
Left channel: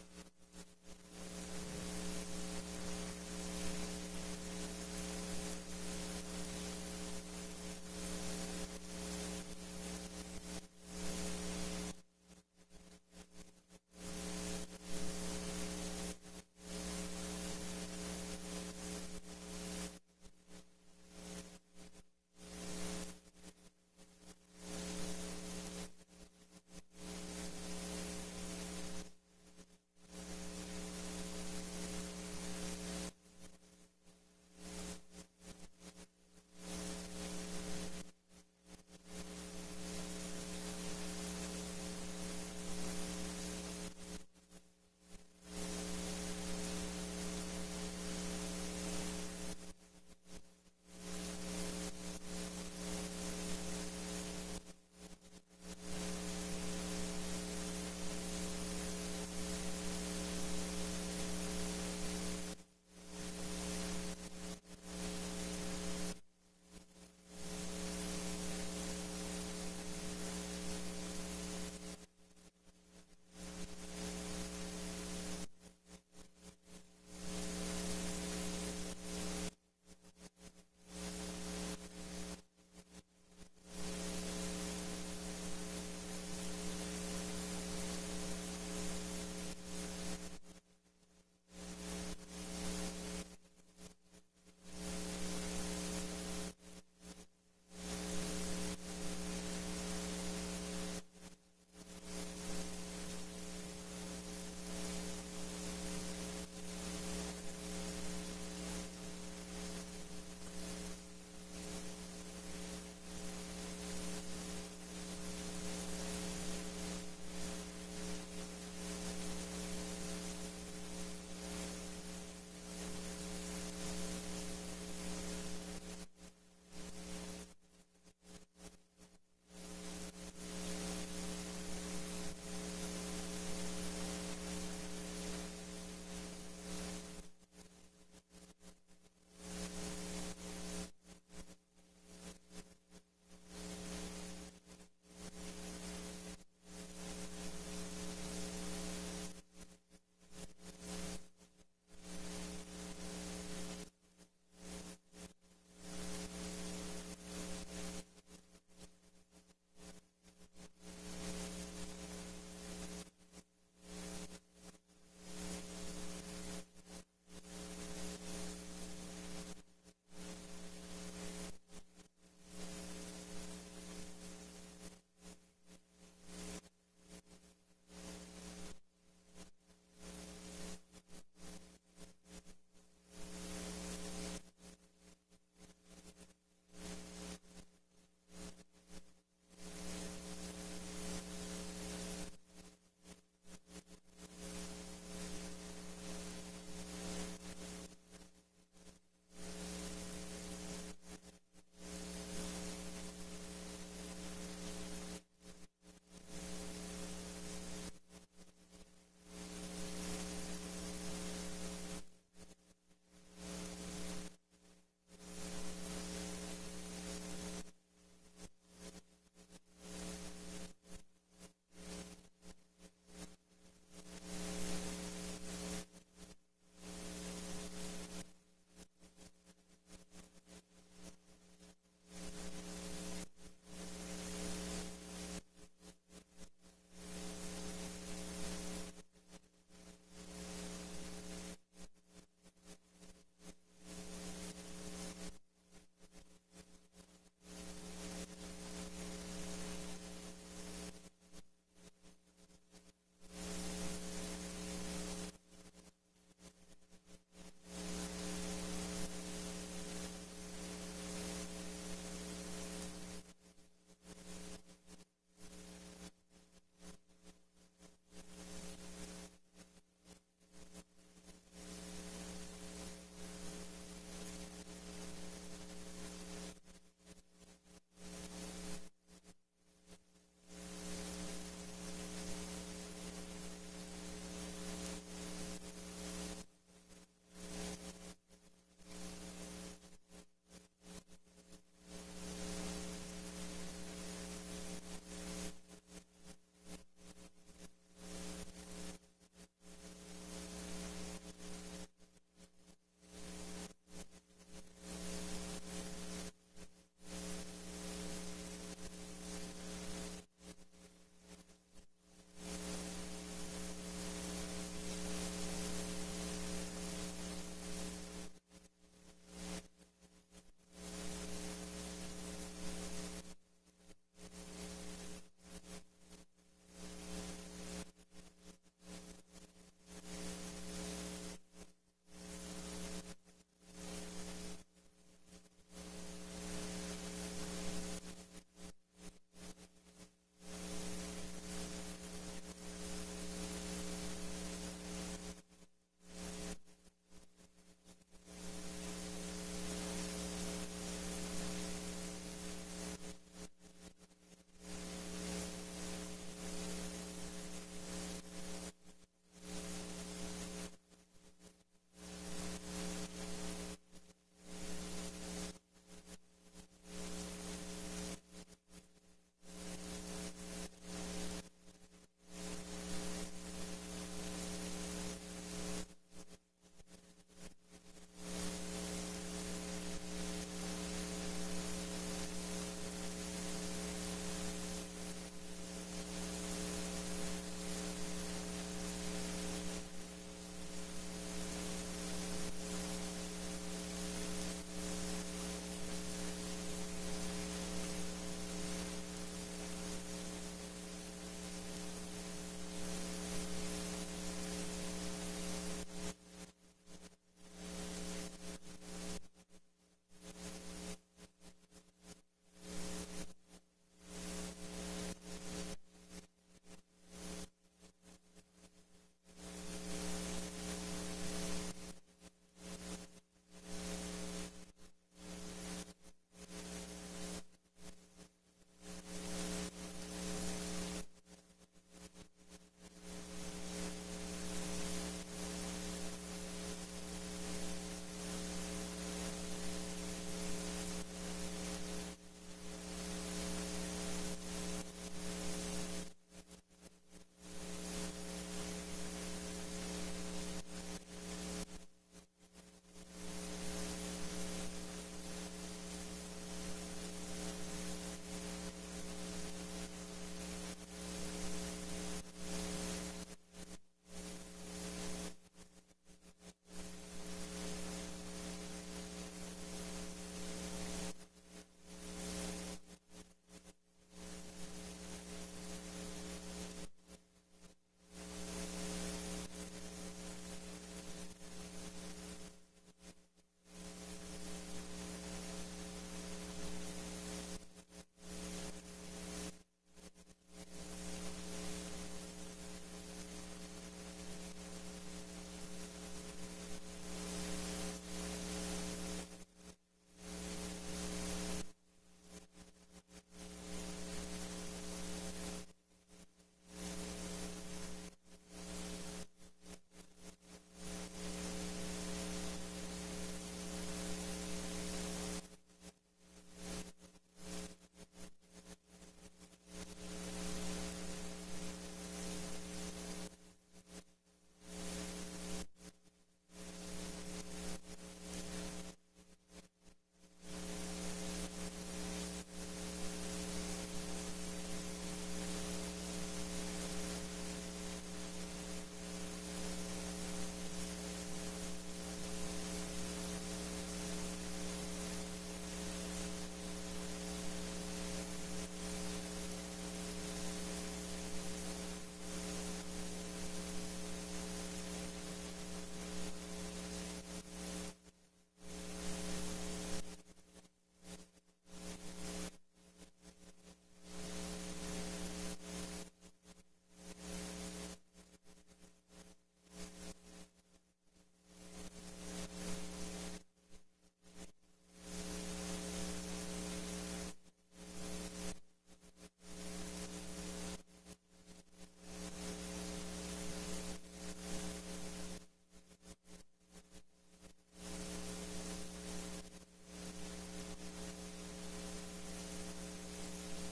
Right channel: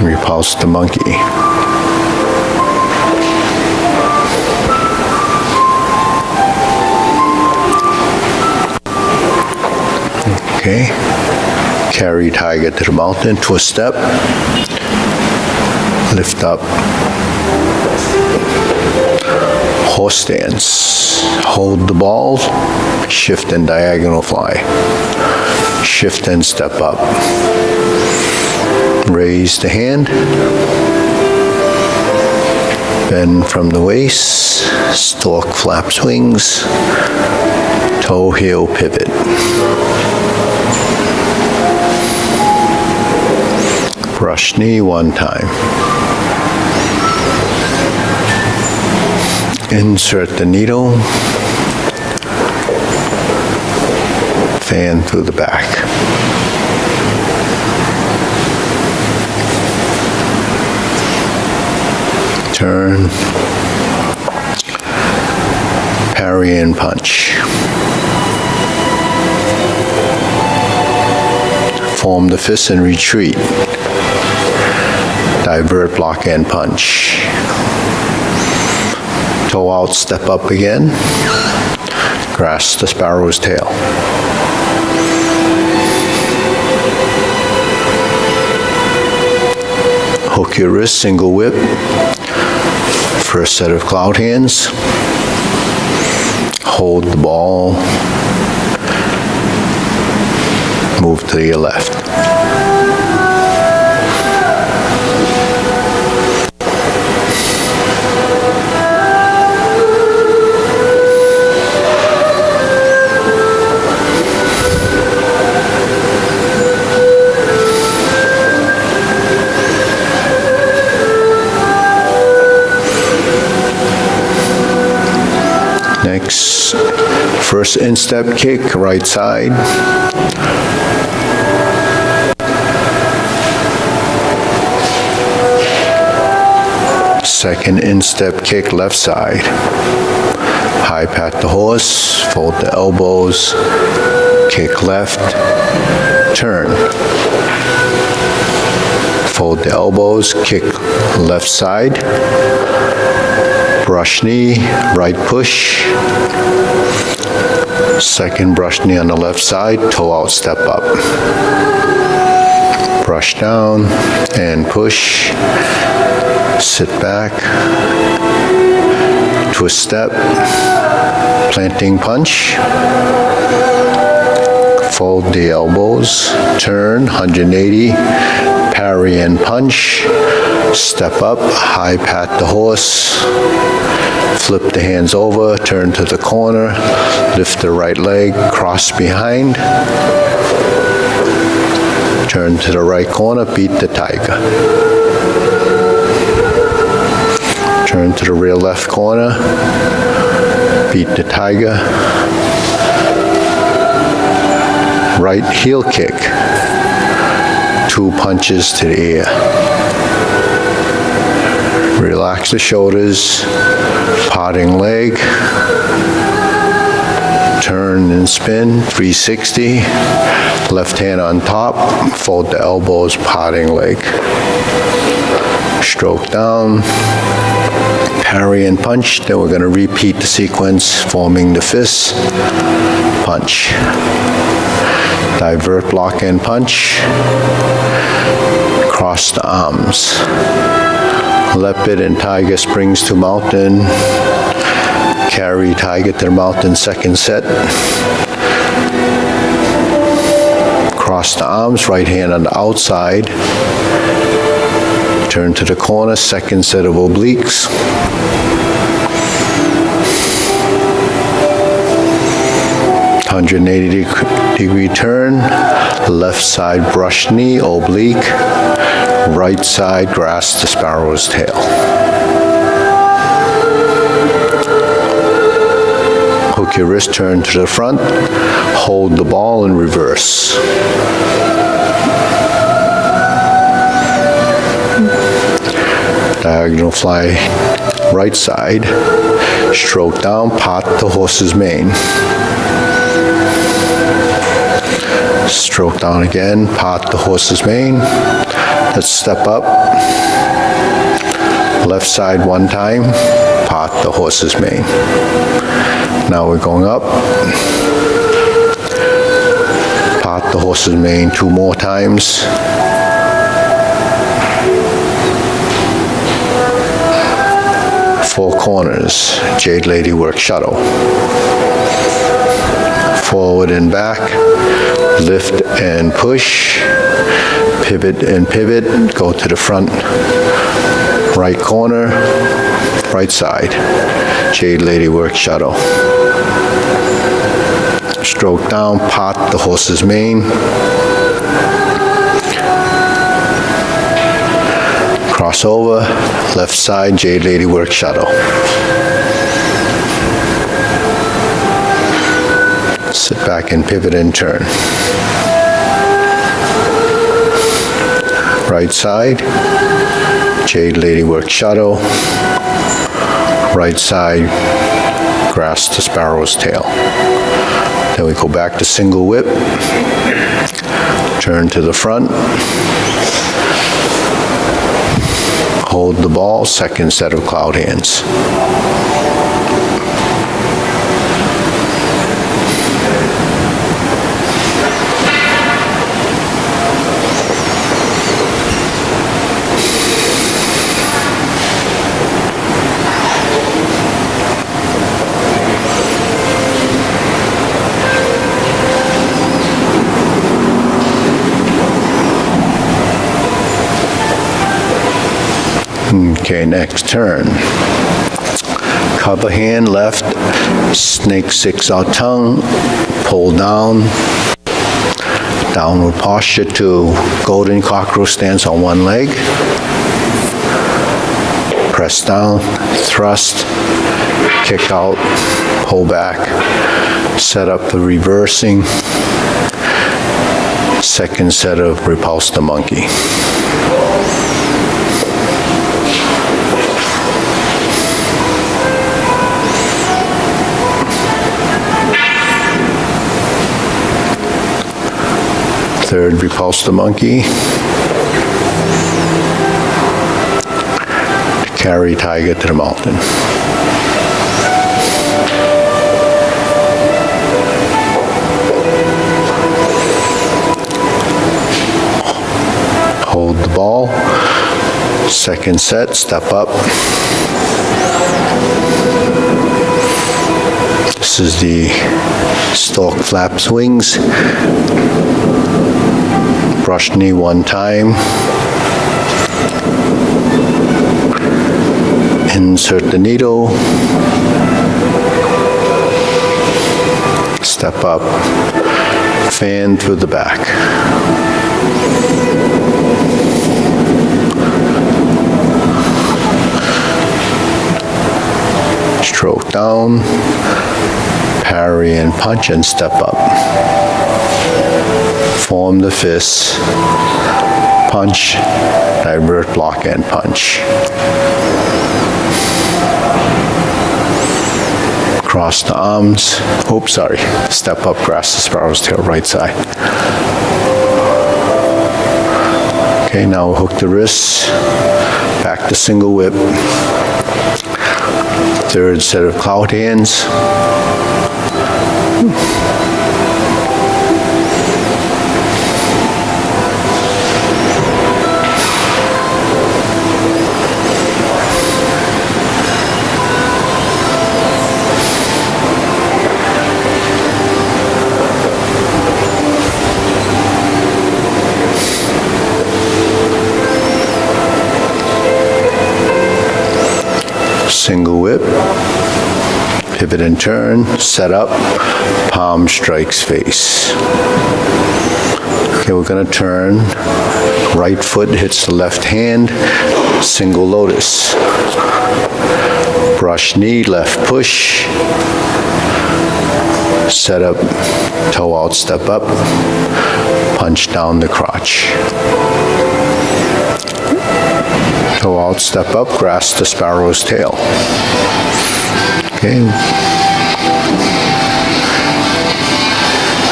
Repulse the monkey. Okay, carry tiger to the mountain, twist step, lift up, horse stance, hold the ball, shift and diagonal fly, shift and step up, raise the hand, bend from the waist, stork flaps wings, toe heel pivot. Brush knee one time. Insert the needle. Fan through the back. Turn. Parry and punch. Form the fist and retreat. Divert, block, and punch. Toe out, step up again. Grasp the sparrow's tail. Hook your wrist, single whip. First set of cloud hands. Hold the ball. Move to your left. Next, first instep kick, right side. Second instep kick, left side. High pat the horse, fold the elbows, kick left, turn. Fold the elbows, kick left side. Brush knee, right push. Second brush knee on the left side, toe out, step up. Brush down and push. Sit back. Twist step. Planting punch. Fold the elbows. Turn 180. Parry and punch. Step up, high pat the horse, flip the hands over, turn to the corner, lift the right leg, cross behind, turn to the right corner, beat the tiger. Turn to the rear left corner, beat the tiger, right heel kick, 2 punches to the ear. Relax the shoulders, parting leg, turn and spin, 360, left hand on top, fold the elbows, parting leg. Stroke down, parry and punch, then we're going to repeat the sequence, forming the fist, punch. Divert, block, and punch. Cross the arms. Leopard and tiger springs to mountain. Carry tiger to the mountain, second set. Cross the arms, right hand on the outside. Turn to the corner, second set of obliques. .180-degree turn, left side brush knee, oblique, right side grasp the sparrow's tail. Hook your wrist, turn to the front, hold the ball in reverse. Diagonal fly right side, stroke down, part the horse's mane. Stroke down again, part the horse's mane. Let's step up. Left side one time, part the horse's mane. Now we're going up. Part the horse's mane 2 more times. Four corners, Jade Lady work shuttle. Forward and back, lift and push, pivot and pivot, go to the front, right corner, right side, Jade Lady work shuttle. Stroke down, part the horse's mane. Cross over, left side, Jade Lady work shuttle. Sit back and pivot and turn. Right side, Jade Lady work shuttle. Right side, grasp the sparrow's tail. Then we go back to single whip. Turn to the front. Hold the ball, second set of cloud hands. Okay, next turn. Cover hand left, snake 6 out tongue, pull down, downward posture to golden cockroach stance on one leg. Press down, thrust, kick out, pull back, set up the reversing, second set of repulse the monkey. Third, repulse the monkey. Carry tiger to the mountain. Hold the ball. Second set, step up. This is the stalk flap swings. Brush knee one time. Insert the needle. Step up. Fan through the back. Stroke down. Parry and punch and step up. form the fist, punch, divert, block, and punch. Cross the arms. Oops, sorry. Step up, grasp the sparrow's tail, right side. Okay, now we'll hook the wrists. Back to single whip. Third set of cloud hands. Single whip, pivot and turn, set up, palm strikes face. Okay, we're gonna turn, right foot hits the left hand, single lotus. Brush knee, left push, set up, toe out, step up, punch down the crotch. Toe out, step up, grasp the sparrow's tail. Okay.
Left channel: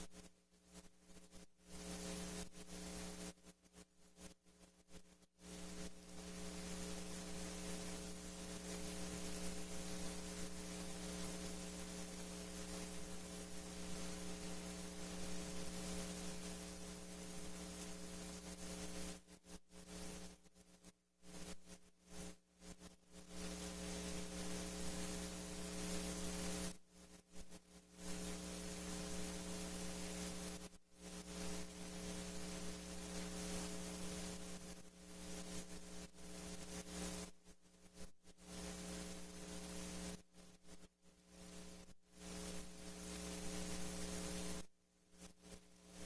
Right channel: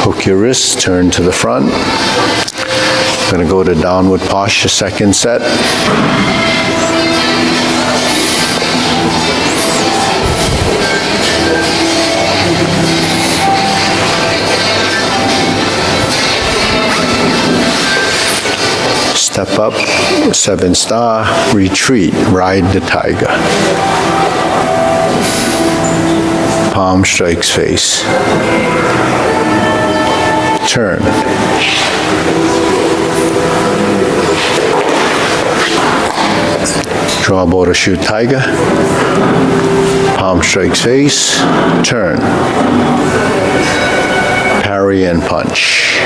Hook your wrists, turn to the front. I'm going to go to downward posture, second set. Step up, 7-star, retreat, ride the tiger. Palm strikes face. Turn. Draw bow to shoot tiger. Palm strikes face. Turn. Parry and punch.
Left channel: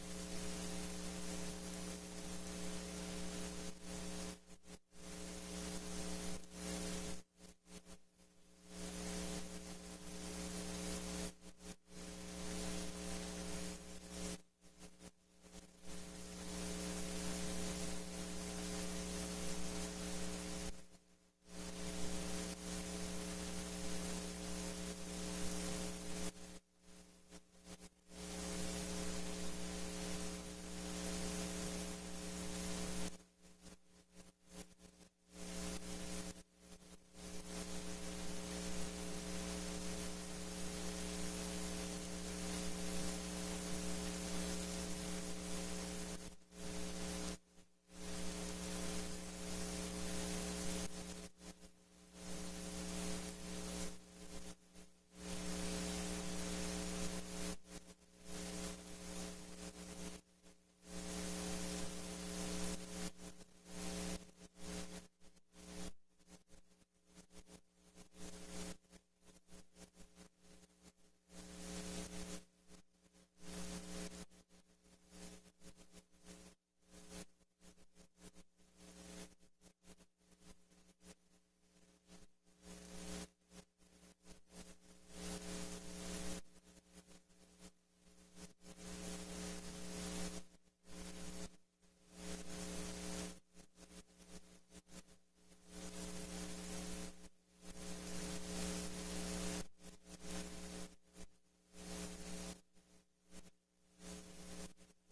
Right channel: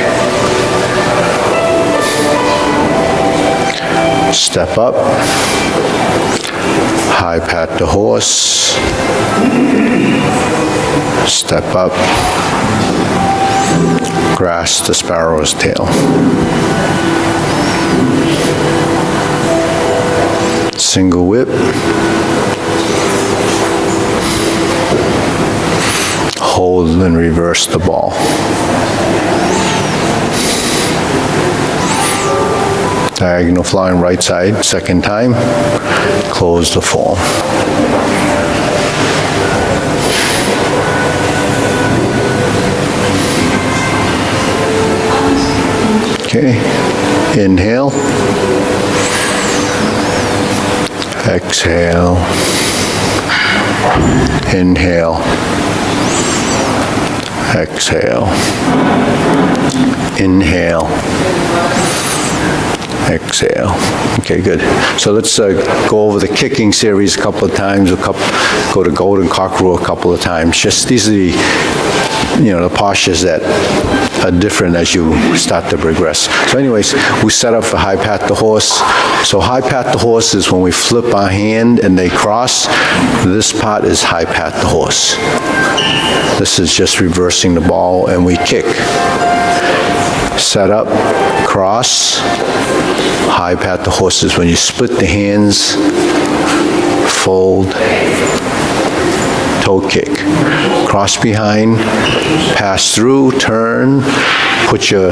Step up, high pat the horse, step up, grasp the sparrow's tail. Single whip, hold and reverse the ball. Diagonal flying right side, second time, close the form. Okay, inhale, exhale, inhale, exhale, inhale, exhale. Okay, good. So let's go over the kicking series a couple of times, go to golden cockerel a couple of times. Just these are the, the postures that are different as you start to progress. So anyways, we set up for high pat the horse. So high pat the horse is when we flip our hand and they cross. This part is high pat the horse. This is just reversing the ball and we kick. Set up, cross, high pat the horse is when you split the hands, fold, toe kick. Cross behind, pass through, turn, put your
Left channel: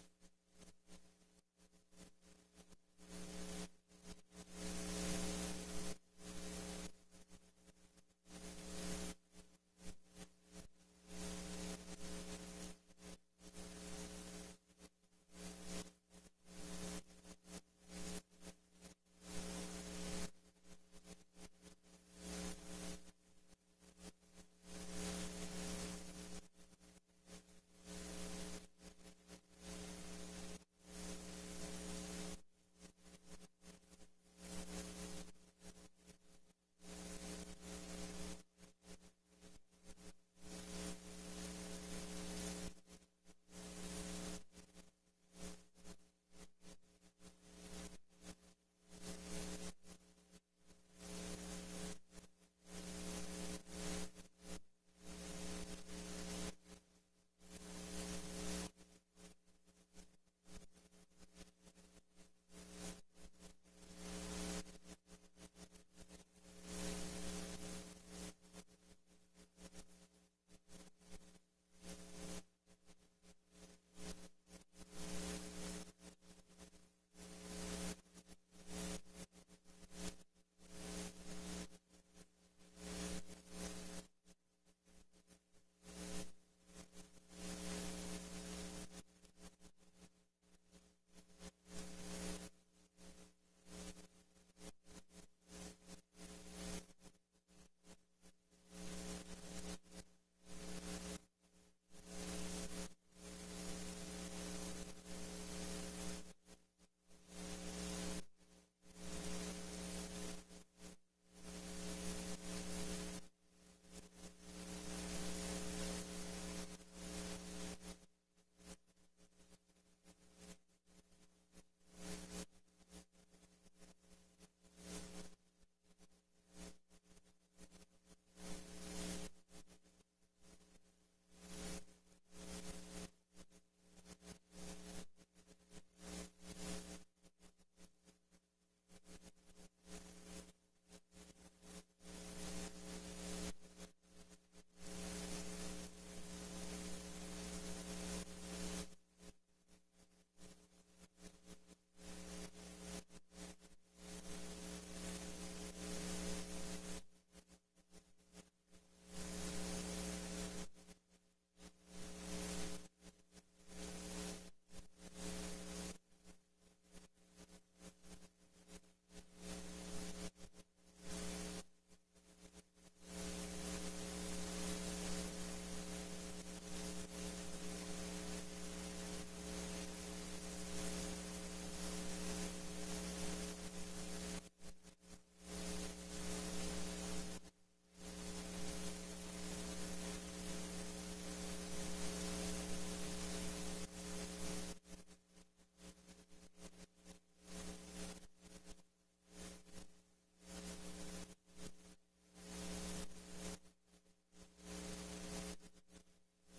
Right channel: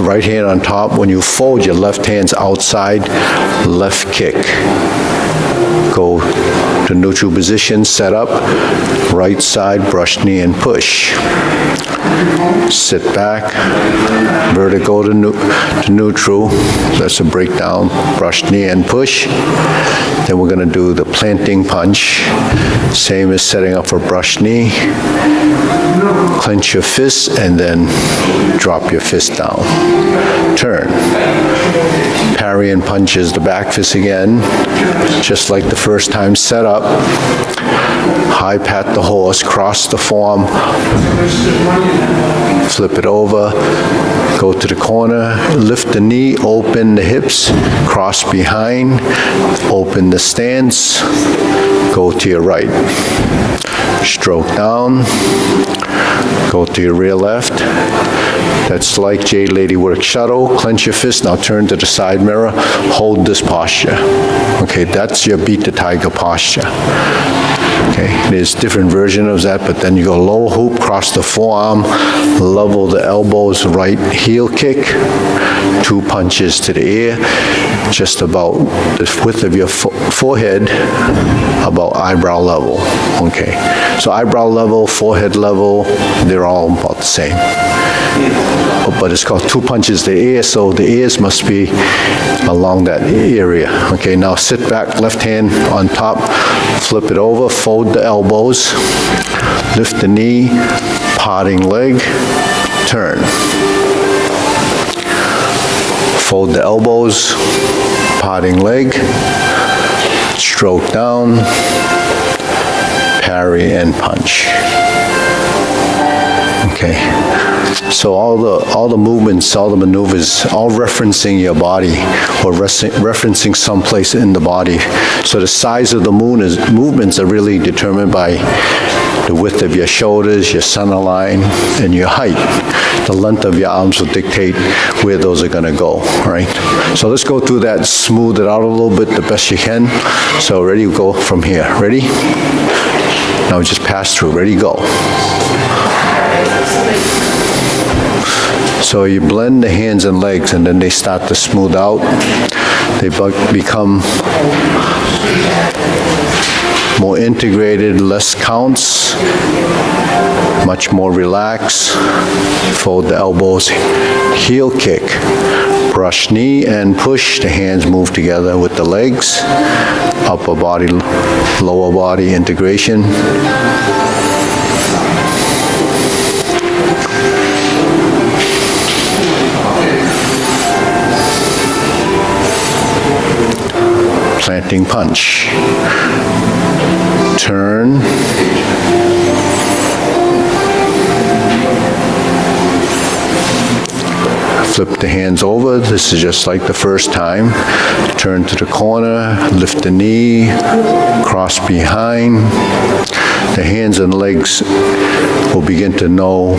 right hand on top. When you fold, your left hand's outside, left kick. Go to neutral position, set up, right side, brush knee and push. Sit back, vertical to neutral, that's a breakdown, brush knee and push. Then we're going to do the planting punch, same as setting up for brush knee. Clench your fist and then drop your fist down. Turn. Parry and punch is the back fist again, just like the first time. Set up, high pat the horse, cross the form, flip it over, go to the corner, lift the knee, open the hips, cross behind, open the stance, go to your right. Stroke down, go to your rear left, That's like Jade Lady Work Shuttle. Clench your fist, now turn to the side mirror, hold this posture. Okay, that's your Beat the Tiger posture. Okay, there's different versions of that, but then you go low hoop, cross the forearm, level the elbows, right heel kick, 2 punches to the ear, just about the width of your forehead, about eyebrow level. Okay, so eyebrow level, forehead level, they're all about the same. But it's called 2 punches to the ear, so the ears must be along that area. Okay, now sit back, left hand on top, flip it over, fold the elbows, lift the knee, parting leg, turn. Fold the elbows, parting leg, stroke down, parry and punch. Okay. So all the movements, all the maneuvers, all referencing your body or referencing someplace in the body. So the size of the movements are really determined by the width of your shoulders, your center line, and your height. The length of your arms will dictate where those are going to go, right? So let's go through that, smooth it out a little bit the best you can. So ready, go from here. Ready? Now just pass through. Ready, go. So you blend the hands and legs, and then they start to smooth out. They become more integrated, less counts, much more relaxed. Fold the elbows, heel kick, brush knee and push. The hands move together with the legs. Upper body, lower body integration. Planting punch. Turn. Flip the hands over. This is just like the first time. Turn to the corner, lift the knee, cross behind. The hands and legs will begin to know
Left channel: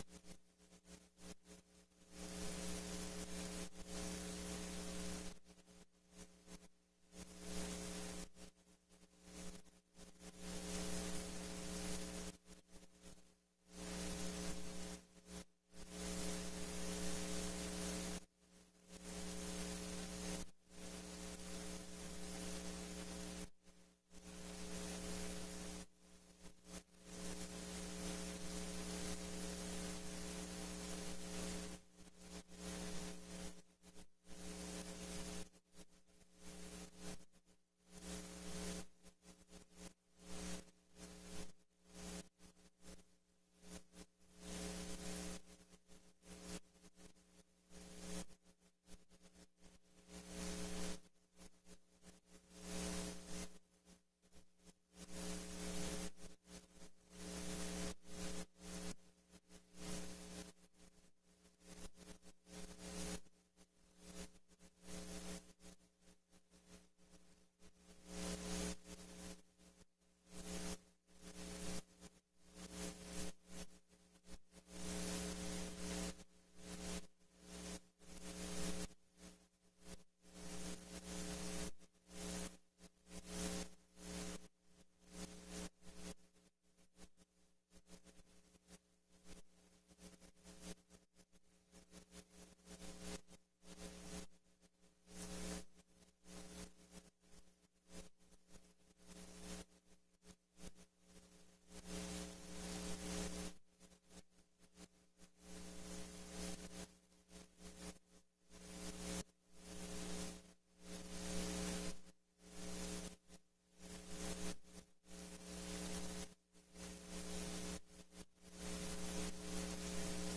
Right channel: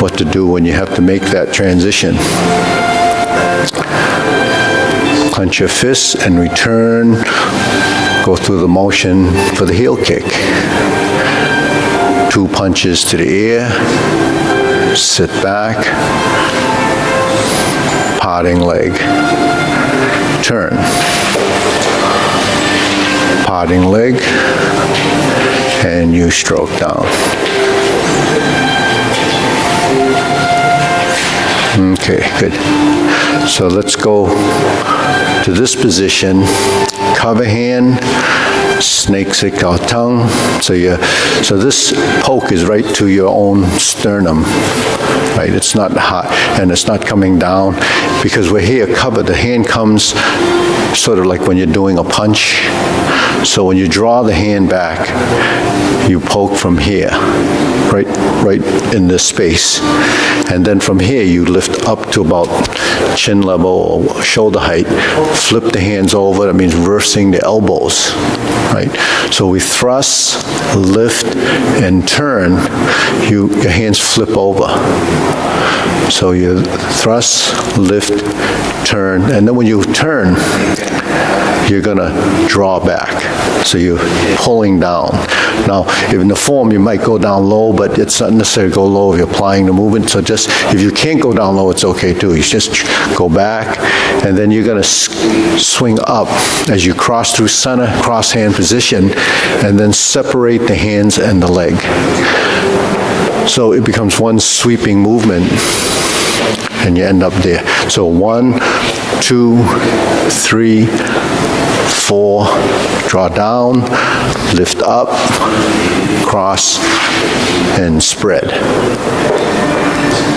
what to do when you have to make that transition. Clench your fists and return. Go through the motion for the heel kick. 2 punches to the ear. Sit back. Parting leg. Turn. Parting leg. And you stroke down. Okay, good. So let's go to this position, cover hand, snake stick out tongue. So this poke is right to your own sternum, right? It's not hot and it's not coming down because we're here covered. The hand comes sort of like when you're doing a punch. So when you draw the hand back, you poke from here, right in this space. And then from here, you lift up to about chin level or shoulder height, flip the hands over, that means reversing the elbows, right? So we thrust, lift, and turn, your hands flip over. So you thrust, lift, turn, and then when you turn, you're gonna draw back. So you're pulling down. Now, in the form, you might go down low, but it's not necessary to go low if you're applying the movement. So just, if you can't go down low, it's okay too. You just go back, and then you're gonna swing up as you cross through center, cross hand position, and then separate the hands and the leg. So it becomes one sweeping movement, and you end up there. So 1, 2, 3, 4, draw down, lift up, cross, and spread.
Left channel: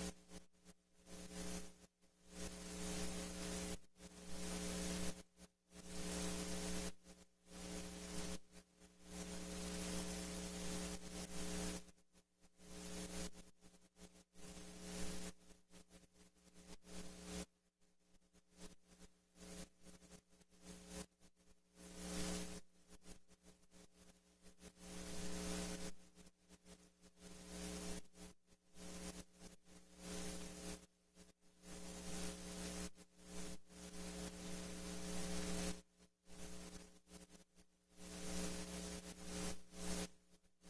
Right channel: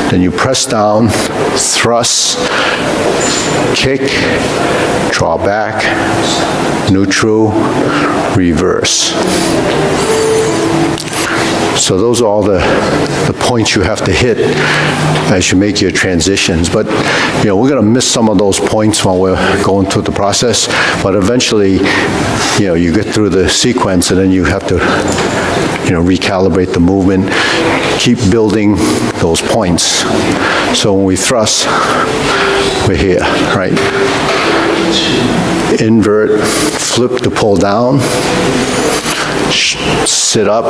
Then you press down, thrust, kick, draw back, neutral, reverse. So those are all the points you have to hit as you make your transitions. But, we're going to miss some of those points while we're going through the process. But eventually, you get through the sequence and then you have to, recalibrate the movement. keep building those points. So when we thrust, we're here, right? Invert, flip to pull down, sit up,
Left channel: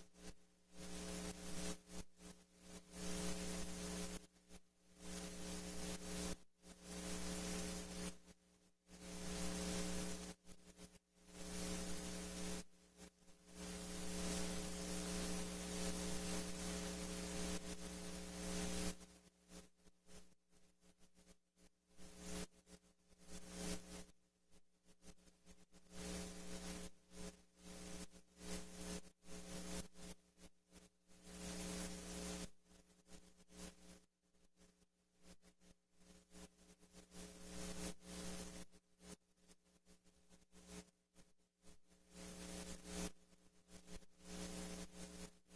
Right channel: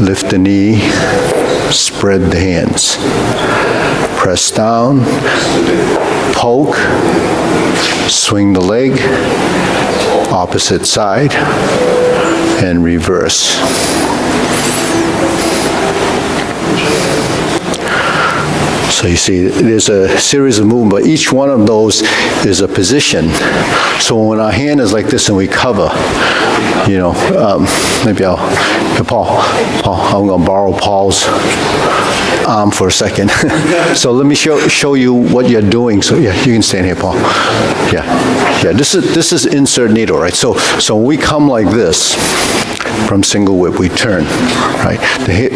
lift the knee, spread the hands. Press down, poke, swing the leg, opposite side, and reverse. So you see, there's a series of movements, but each one of those is a position. So when our hand is like this and we cover, you know, maybe Paul, I'm going to borrow Paul's arm for a second. So let me show you what you're doing. So yeah, you can stand here, Paul. Yeah. This is insert needle, right? So when we come like this, from single whip, we turn, right?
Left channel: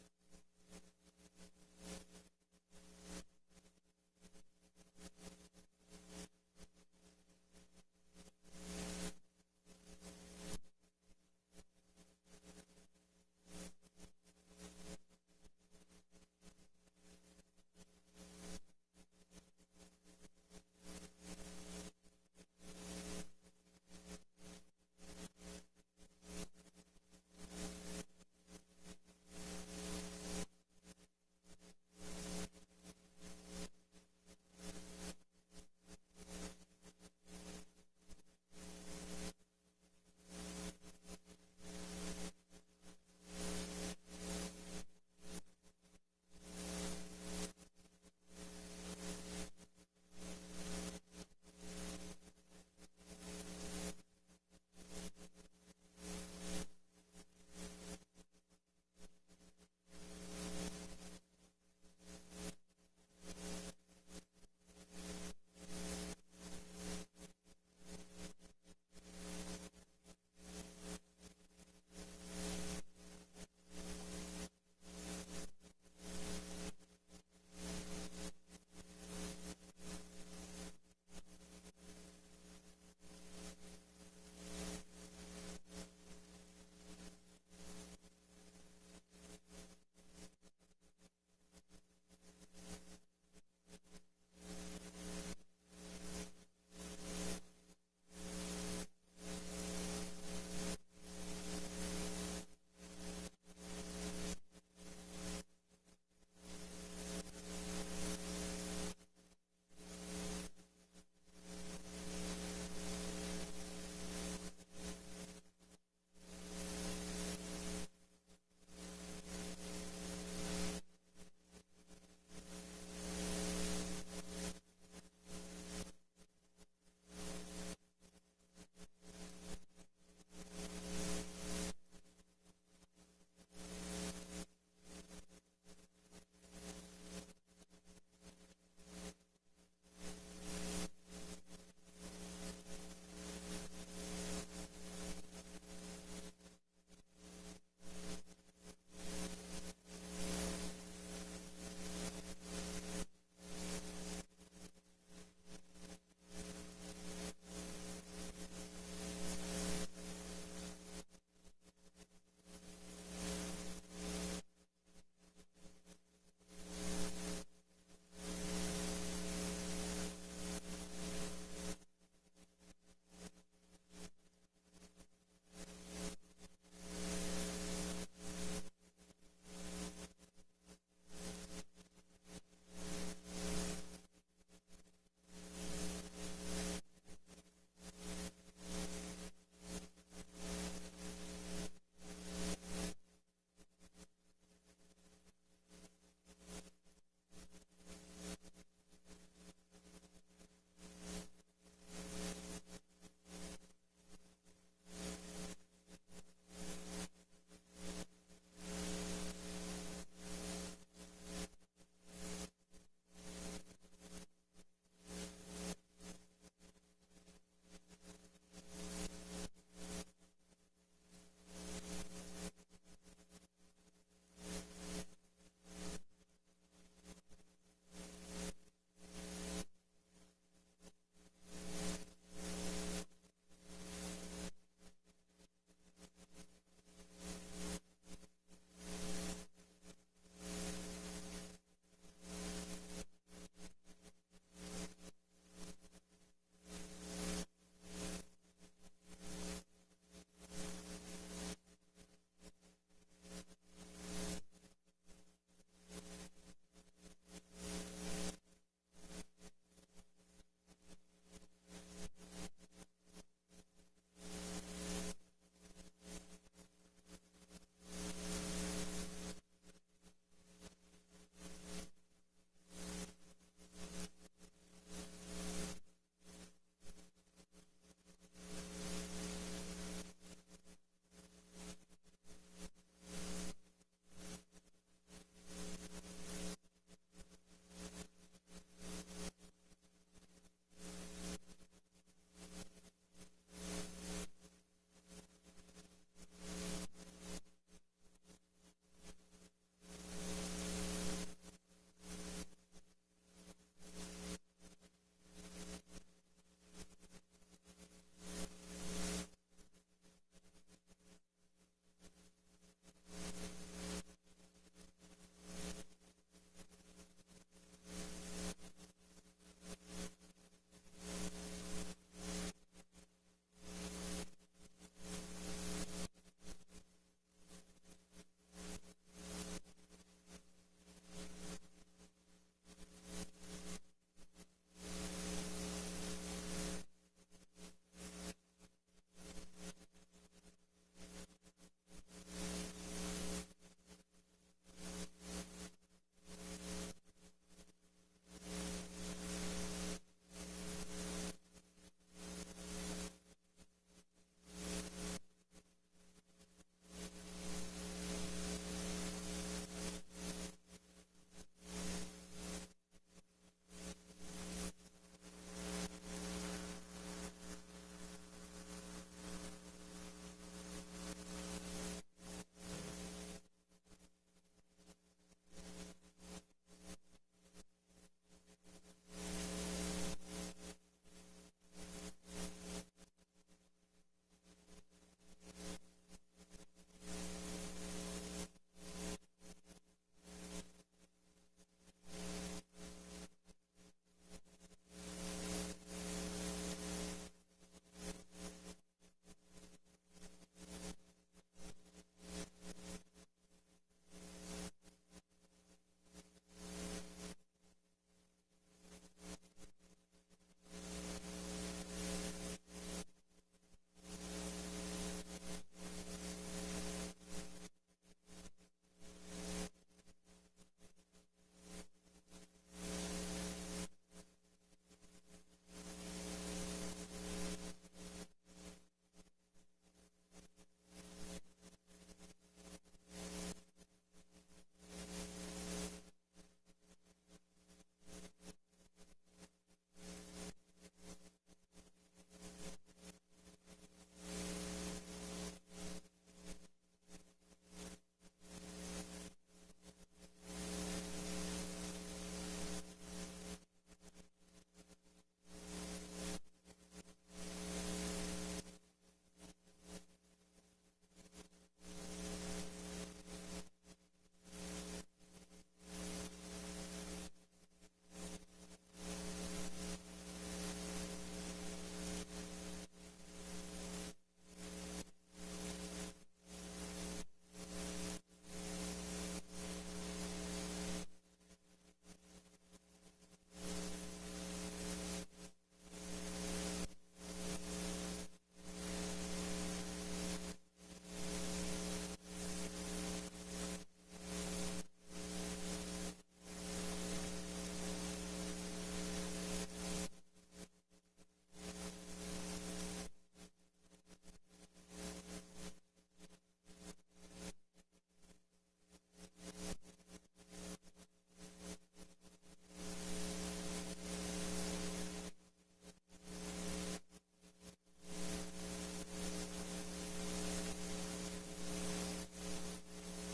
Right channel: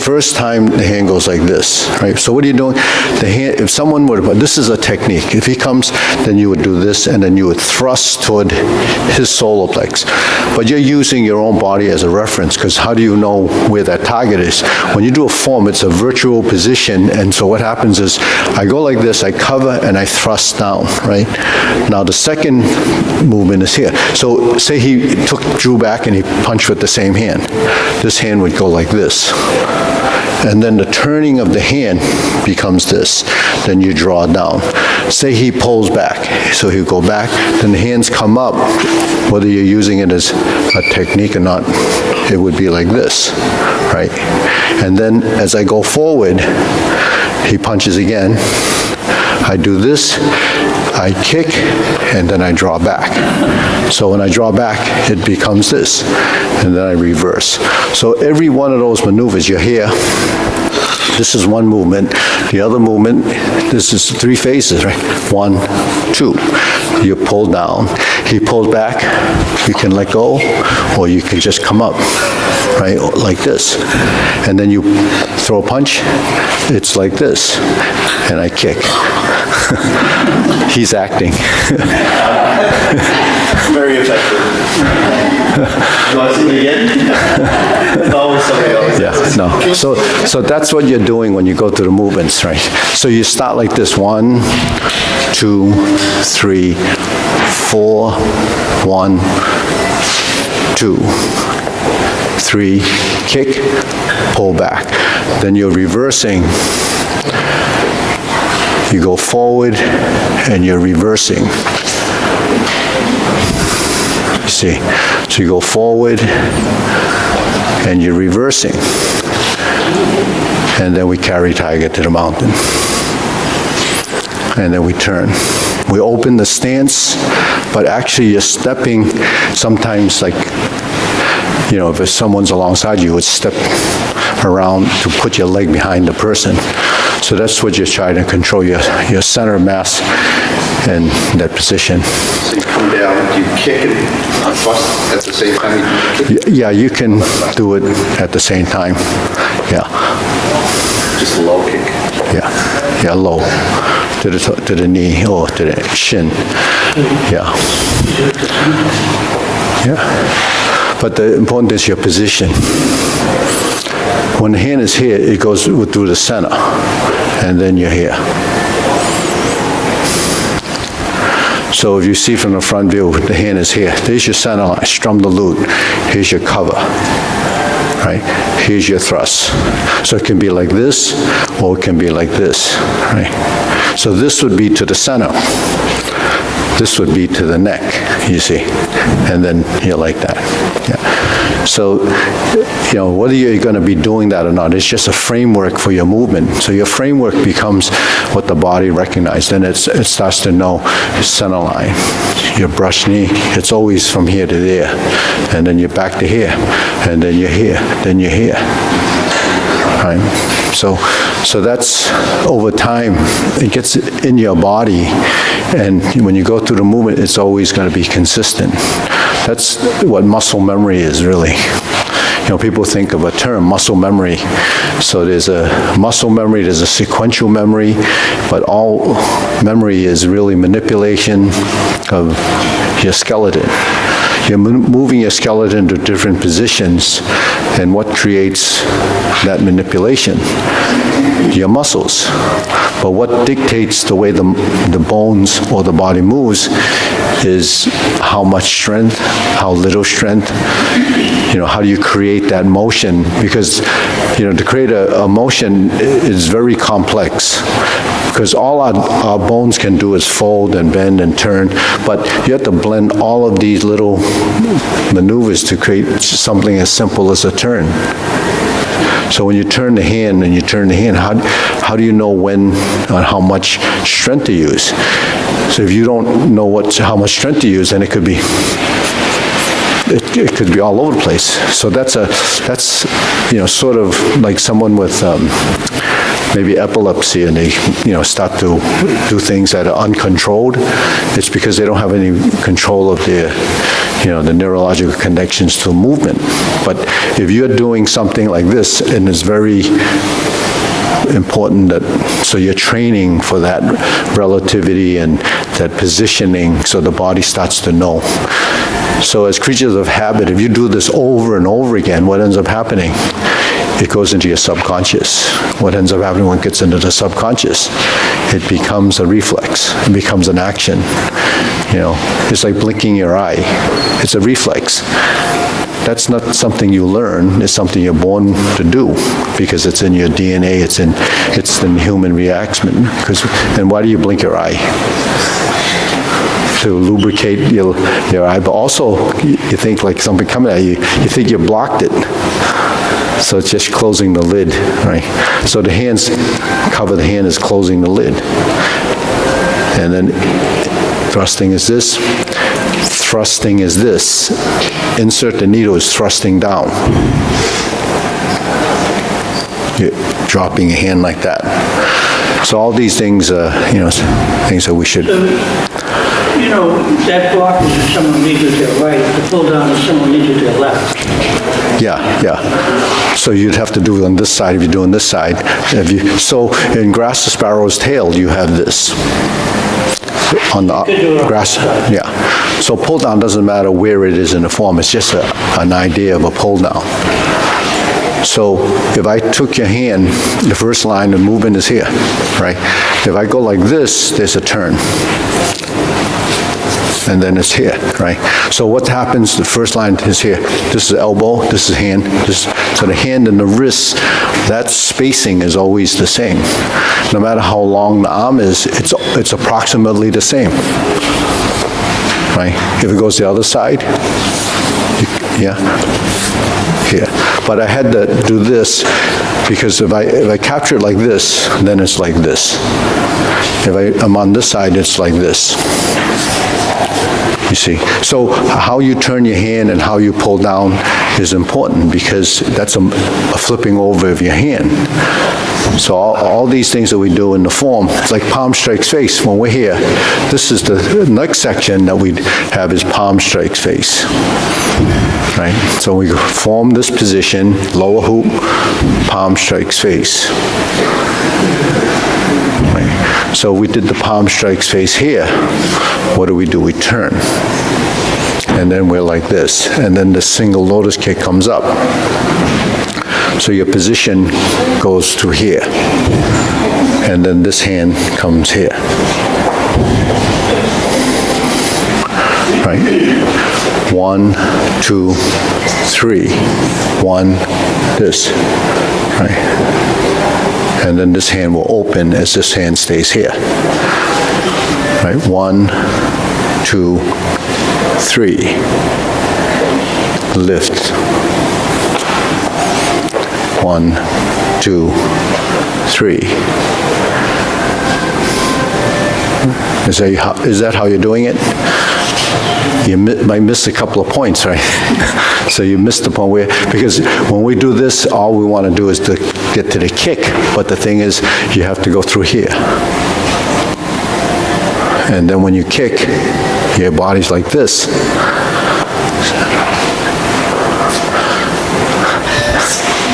First time the hand goes like this, right? So what are you doing? The hand, if someone would, this is a technique. If he comes, then you would do this, and then you would thrust toward his solar plex. But you're using your own body as a reference, because how do you know where that target is? When you do a form, it's a virtual position, and so what happens is I go like this, I cover, and I thrust down, right? Now the second movement is here. So say he drew back and he punched with the same hand. This hand would go like this. And then the turning of the hand becomes this. Then you draw down. Say he pulls back. So he'll go back, then the hands come up. Whether you're using it as a technique or not, it would be like this, right? And then as I go forward, he punches again. I do this, I kick, and then I draw back. So when I draw back, it becomes this, and then I reverse. So every one of those maneuvers, you're here. This is one movement. The other movement, this is 3 phases, right? 1, 2. You pull down. He pulls back. You can let go, or you can just come up, right? Like this. And then you throw a punch. It's like this. And I kick. He's acting. Very effective. You want to see it again? It's always somebody else. Yeah, no. So that's what you're doing when you go through the movements, right? So you start like this: 1, 2, 3, 4, 1, 2, 3, kick, pull back. Then you're reversing. You go forward and you're reversing. You see? So you go forward and you're reversing. And then we carry tiger to the mountain. And then we turn. We open the stance, but actually you're stepping sometimes, like, you know, if someone's alongside you, would step around to put your leg behind the person. So that's what you're trying to control, your center of mass in that position. So you come down, you kick it, thrust at the same time you kick? Yeah, you can do it at the same time. Yeah. Just a low kick? Yeah, low. To the knee or to the shin. Yeah. Yeah. But the important is your position. When the hand is here, it goes through the center, and then you're here. So if you see from the front view, the hand is here. There's your center line, strum the lute. Here's your cover, right? Here's your thrust. So it can be like this, or it can be like this, right? So this would be to the center. This would be to the neck, you see, and then you're like that. Yeah. So, you know, whether you're going to be doing that or not, it's just a framework for your movement. So your framework becomes what the body recognizes. Then it starts to know your center line, your brush knee. It's always from here to there, and then you're back to here, and then you're here, then you're here. Right? So that's over time, it gets in your body, and when you go through the movement, it's always going to be consistent. That's what muscle memory is, really. You know, people think of a term, muscle memory. So there's a muscle memory, there's a sequential memory, but all memory is really manipulation of your skeleton. you're moving your skeleton to different positions, and what creates that manipulation? Your muscles. But what dictates the way the bones or the body moves is how much strength, how little strength. How do you create that motion? Because, to create a motion is very complex. Because all our bones can do is fold and bend and turn, but you have to blend all of these little maneuvers to create something as simple as a turn. So when you turn the hand and you turn the hand, how do you know when and how much strength to use? So if you don't know how much strength to use, then it could be all over the place. So that's sort of like someone with maybe epilepsy, and they start to do things that are uncontrolled. It's because they don't have any control of their the neurological connections to movement. But if you're doing something like this, and it's very important so you're training for that relativity and that positioning, so the body starts to know. So as creatures of habit, if you do this over and over again, what ends up happening? It goes into your subconscious. What ends up happening when it gets into the subconscious? It becomes a reflex. It becomes an action. It's like blinking your eye. It's a reflex. That's not something you learn. It's something you're born to do because it's in your DNA. It's in human reaction. And why do you blink your eye? To lubricate your eye, but also you think like something coming at you. You think you blocked it. So it's just closing the lid, right? So the hands, cover the hand is closing the lid. And then thrusting is this. Thrusting is this. Insert the needle is thrusting down. You're dropping your hand like that. So all these things, things that we should... that block is if someone leads you to their right, the pull down is someone leads you to their left. Yeah. So you'd have to do it on this side if you're doing this side. So in grass to sparrow's tail, you have this. On the grass, yeah. So pull down doesn't matter where it is in the form. It's just an idea of a pull down. So if I took your hand, the first line of movement is here, right? If I go like this, there's a turn. And then it's here, right? So what happens, the first line is here. This is elbow, this is hand. So the hand and the wrist, that spacing is always the same. No matter how long the arm is, it's approximately the same, right? If it goes the other side, yeah, here. But I had to do this because if I capture it like this, then it's like this. If I'm on this side, it's like this. You see, so how you turn your hand and how you pull down is important because that's a flipping over of your hand. So all these things that we do in the form, it's like palm strikes face. When we're here, this is the next section that we have is palm strikes face. Right? So we form this position, lower hoop, palm strikes face. So we did the palm strikes face here. What do? We turn. And then we're like this. And then the single lotus kick comes up. So your position goes to here. And then this hand comes here. Right? 1, 2, 3. 1, this. Right? And then this hand will open as this hand stays here. Right? 1, 2, 3. Lift. 1, 2, 3. Is that how you're doing it? You might miss a couple of points, right? So you missed the point where, because when we do this, all we want to do is to get to the kick. But the thing is, you have to go through here. And then when you kick, your body's like this.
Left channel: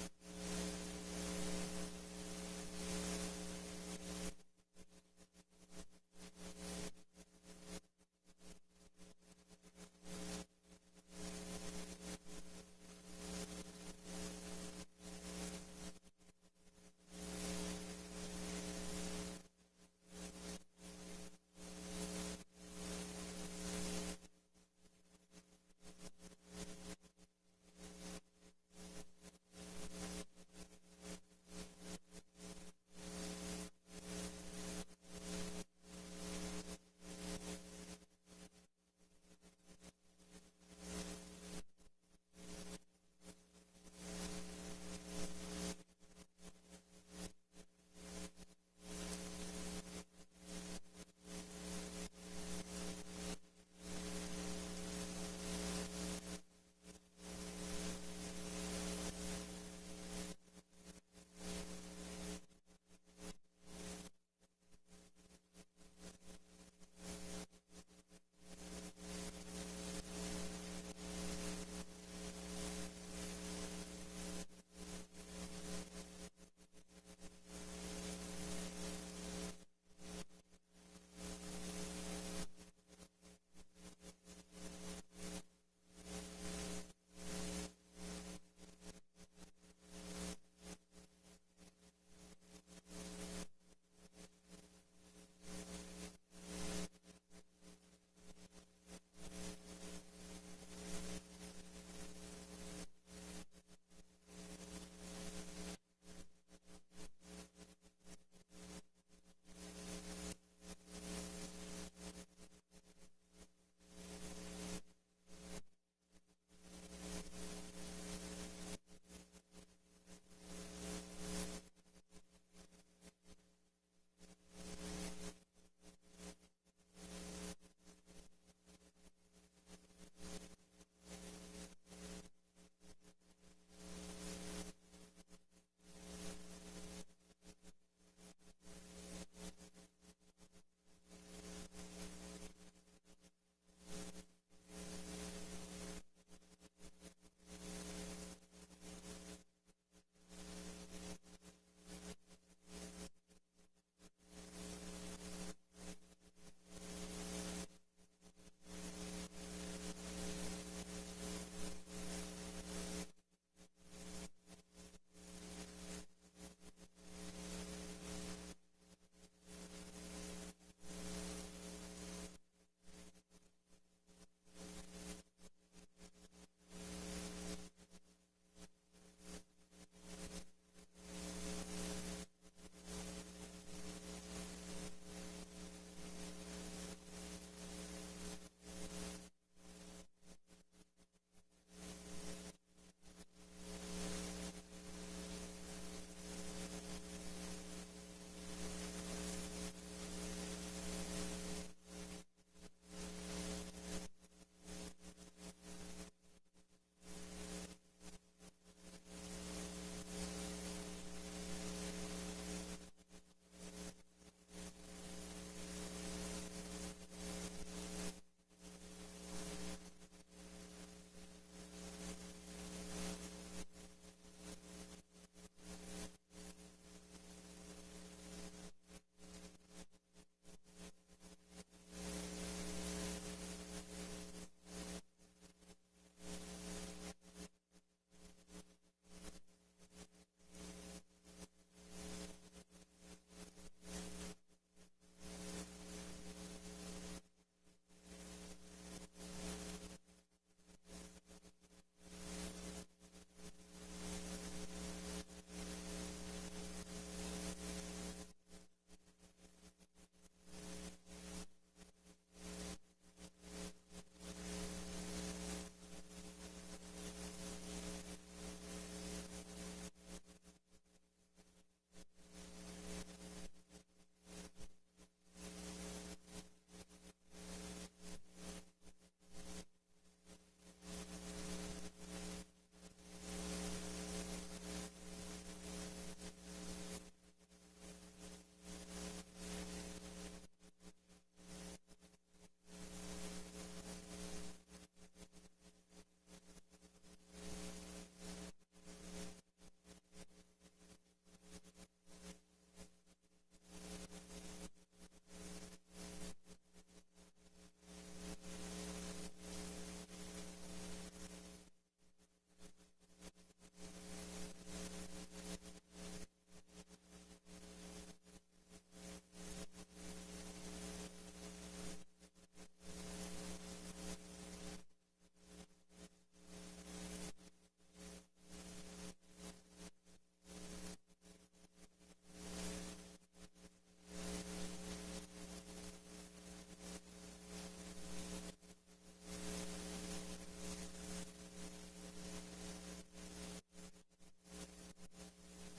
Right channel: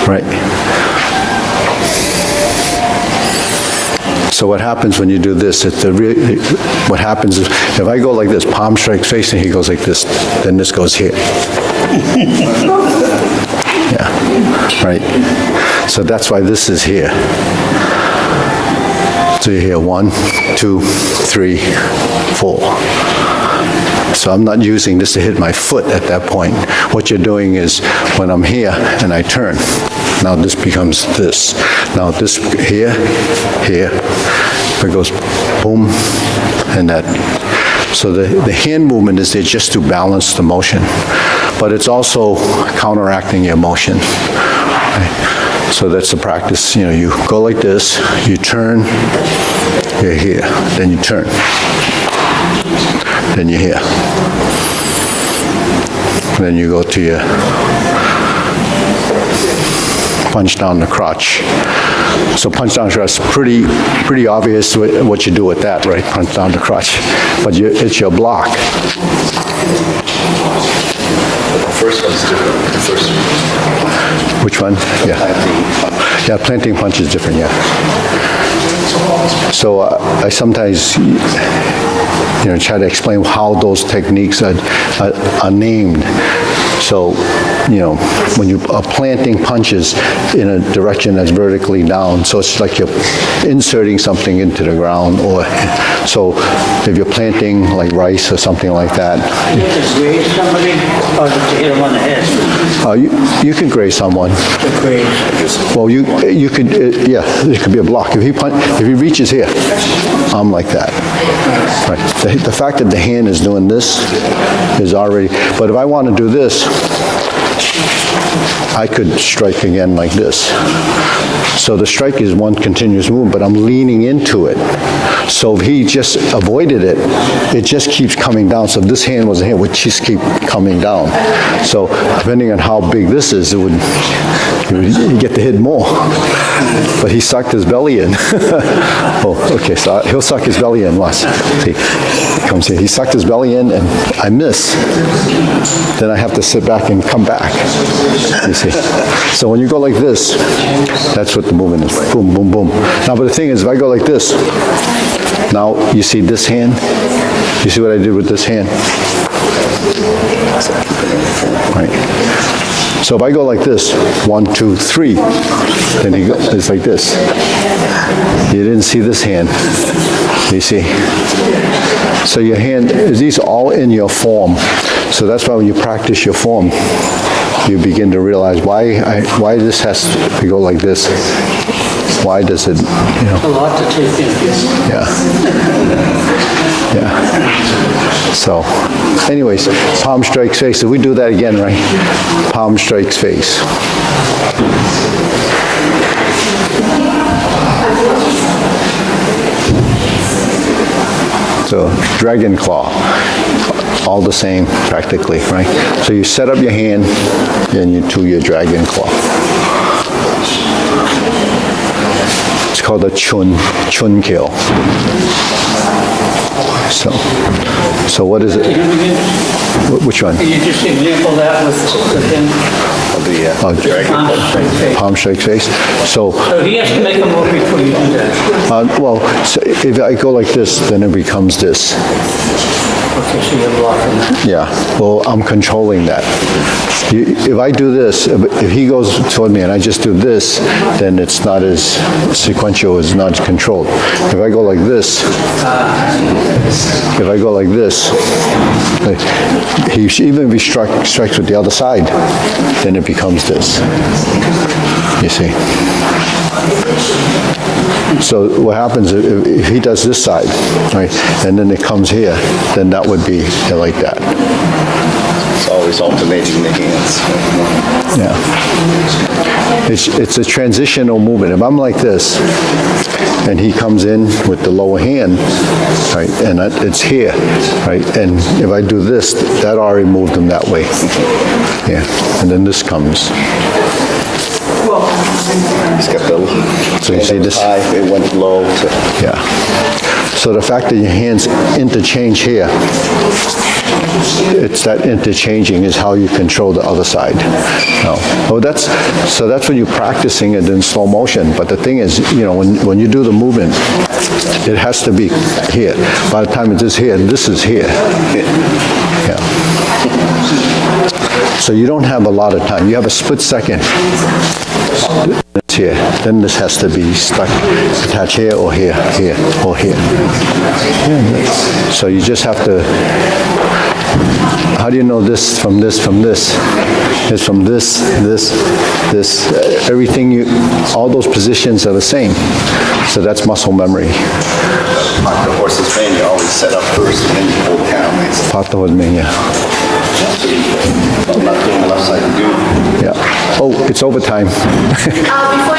Right? So what happens when you do this, what happens is, if I go like this, palm strikes face, and he goes like this, then this goes here. Yeah, right. So that's why this is here. So you hear 1, 2, 3, 4. So I'm not using this to hit my foot at that point. What you're doing is, when I'm here and I turn, now this becomes this. Now this here, it goes boom, and that. So the hand movement is there just to balance the motion, but it's also counteracting your motion. Right? So that's the practice. You know, you go like this, you turn, you're here, then you turn, then you're here. Then you go to your punch down the crotch. So punch down the crotch, pretty obvious what you do with that, right? Punch down the crotch. But it's your block. The first one's different. The first one. Which one? Yeah. Yeah, planting punch is different, yeah. So I sometimes, try to explain how those techniques are named. So, when you are planting punches in a direction that's vertically down, so it's like you're inserting something into the ground, or so if you're planting like rice or something like that. You have to graze somebody, or to hit them on the head? You can graze someone. To graze. Well, you could, yeah, it could be a block. If he reaches here, I'm like that. Right. The fact that the hand is doing this is already, but if I want to do this, I could strike again like this. So the strike is one continuous movement, but I'm leaning into it. So if he just avoided it, it just keeps coming down. So if this hand was a hand, it would just keep coming down. So depending on how big this is, you get to hit more. But he sucked his belly in. Oh, okay, so he'll suck his belly in. Watch. See, he comes here. He sucked his belly in, and I miss. Then I have to sit back and come back. You see. So when you go like this, that's what the movement is. Boom, boom, boom. Now, but the thing is, if I go like this, now you see this hand? You see what I did with this hand? Right. So if I go like this, 1, 2, 3, then it's like this. You didn't see this hand. You see? So your hand, these are all in your form. So that's why when you practice your form, you begin to realize why this has to go like this. Why does it, A lot to take in. Yeah. Yeah. So, anyways, palm strikes face. So we do that again, right? Palm strikes face. So, dragon claw. All the same, practically, right? So you set up your hand, and you do your dragon claw. It's called a chun kill. So what is it? Which one? Can you just example that with him? Palm strike face. So he has to make a move before you do that. well, so if I go like this, then it becomes this. Okay, so you're blocking that. Yeah, well, I'm controlling that. If I do this, if he goes toward me and I just do this, then it's not as sequential, it's not controlled. If I go like this, even if he strikes with the other side, then it becomes this. You see? So what happens if he does this side, right, and then it comes here, then that would be like that. It's always alternating the hands. Yeah. It's a transitional movement. If I'm like this, and he comes in with the lower hand, right, and it's here, right, and if I do this, that already moved him that way. Yeah, and then this comes. He's got the So you see this? high, it went low to... Yeah. So the fact that your hands interchange here, it's that interchanging is how you control the other side. No. Oh, that's when you're practicing it in slow motion. But the thing is, when you do the movement, It has to be here. By the time it is here, this is here. Yeah. So you don't have a lot of time. You have a split second. It's here. Then this has to be stuck, attached here or here, here or here. So you just have to. How do you know this from this from this? It's from this, this. Everything all those positions are the same. So that's muscle memory. Like the horse's mane, you always set up first and then you pull down. Part of me, yeah. I'm not doing the left side, you do. Yeah. Oh, it's overtime. Before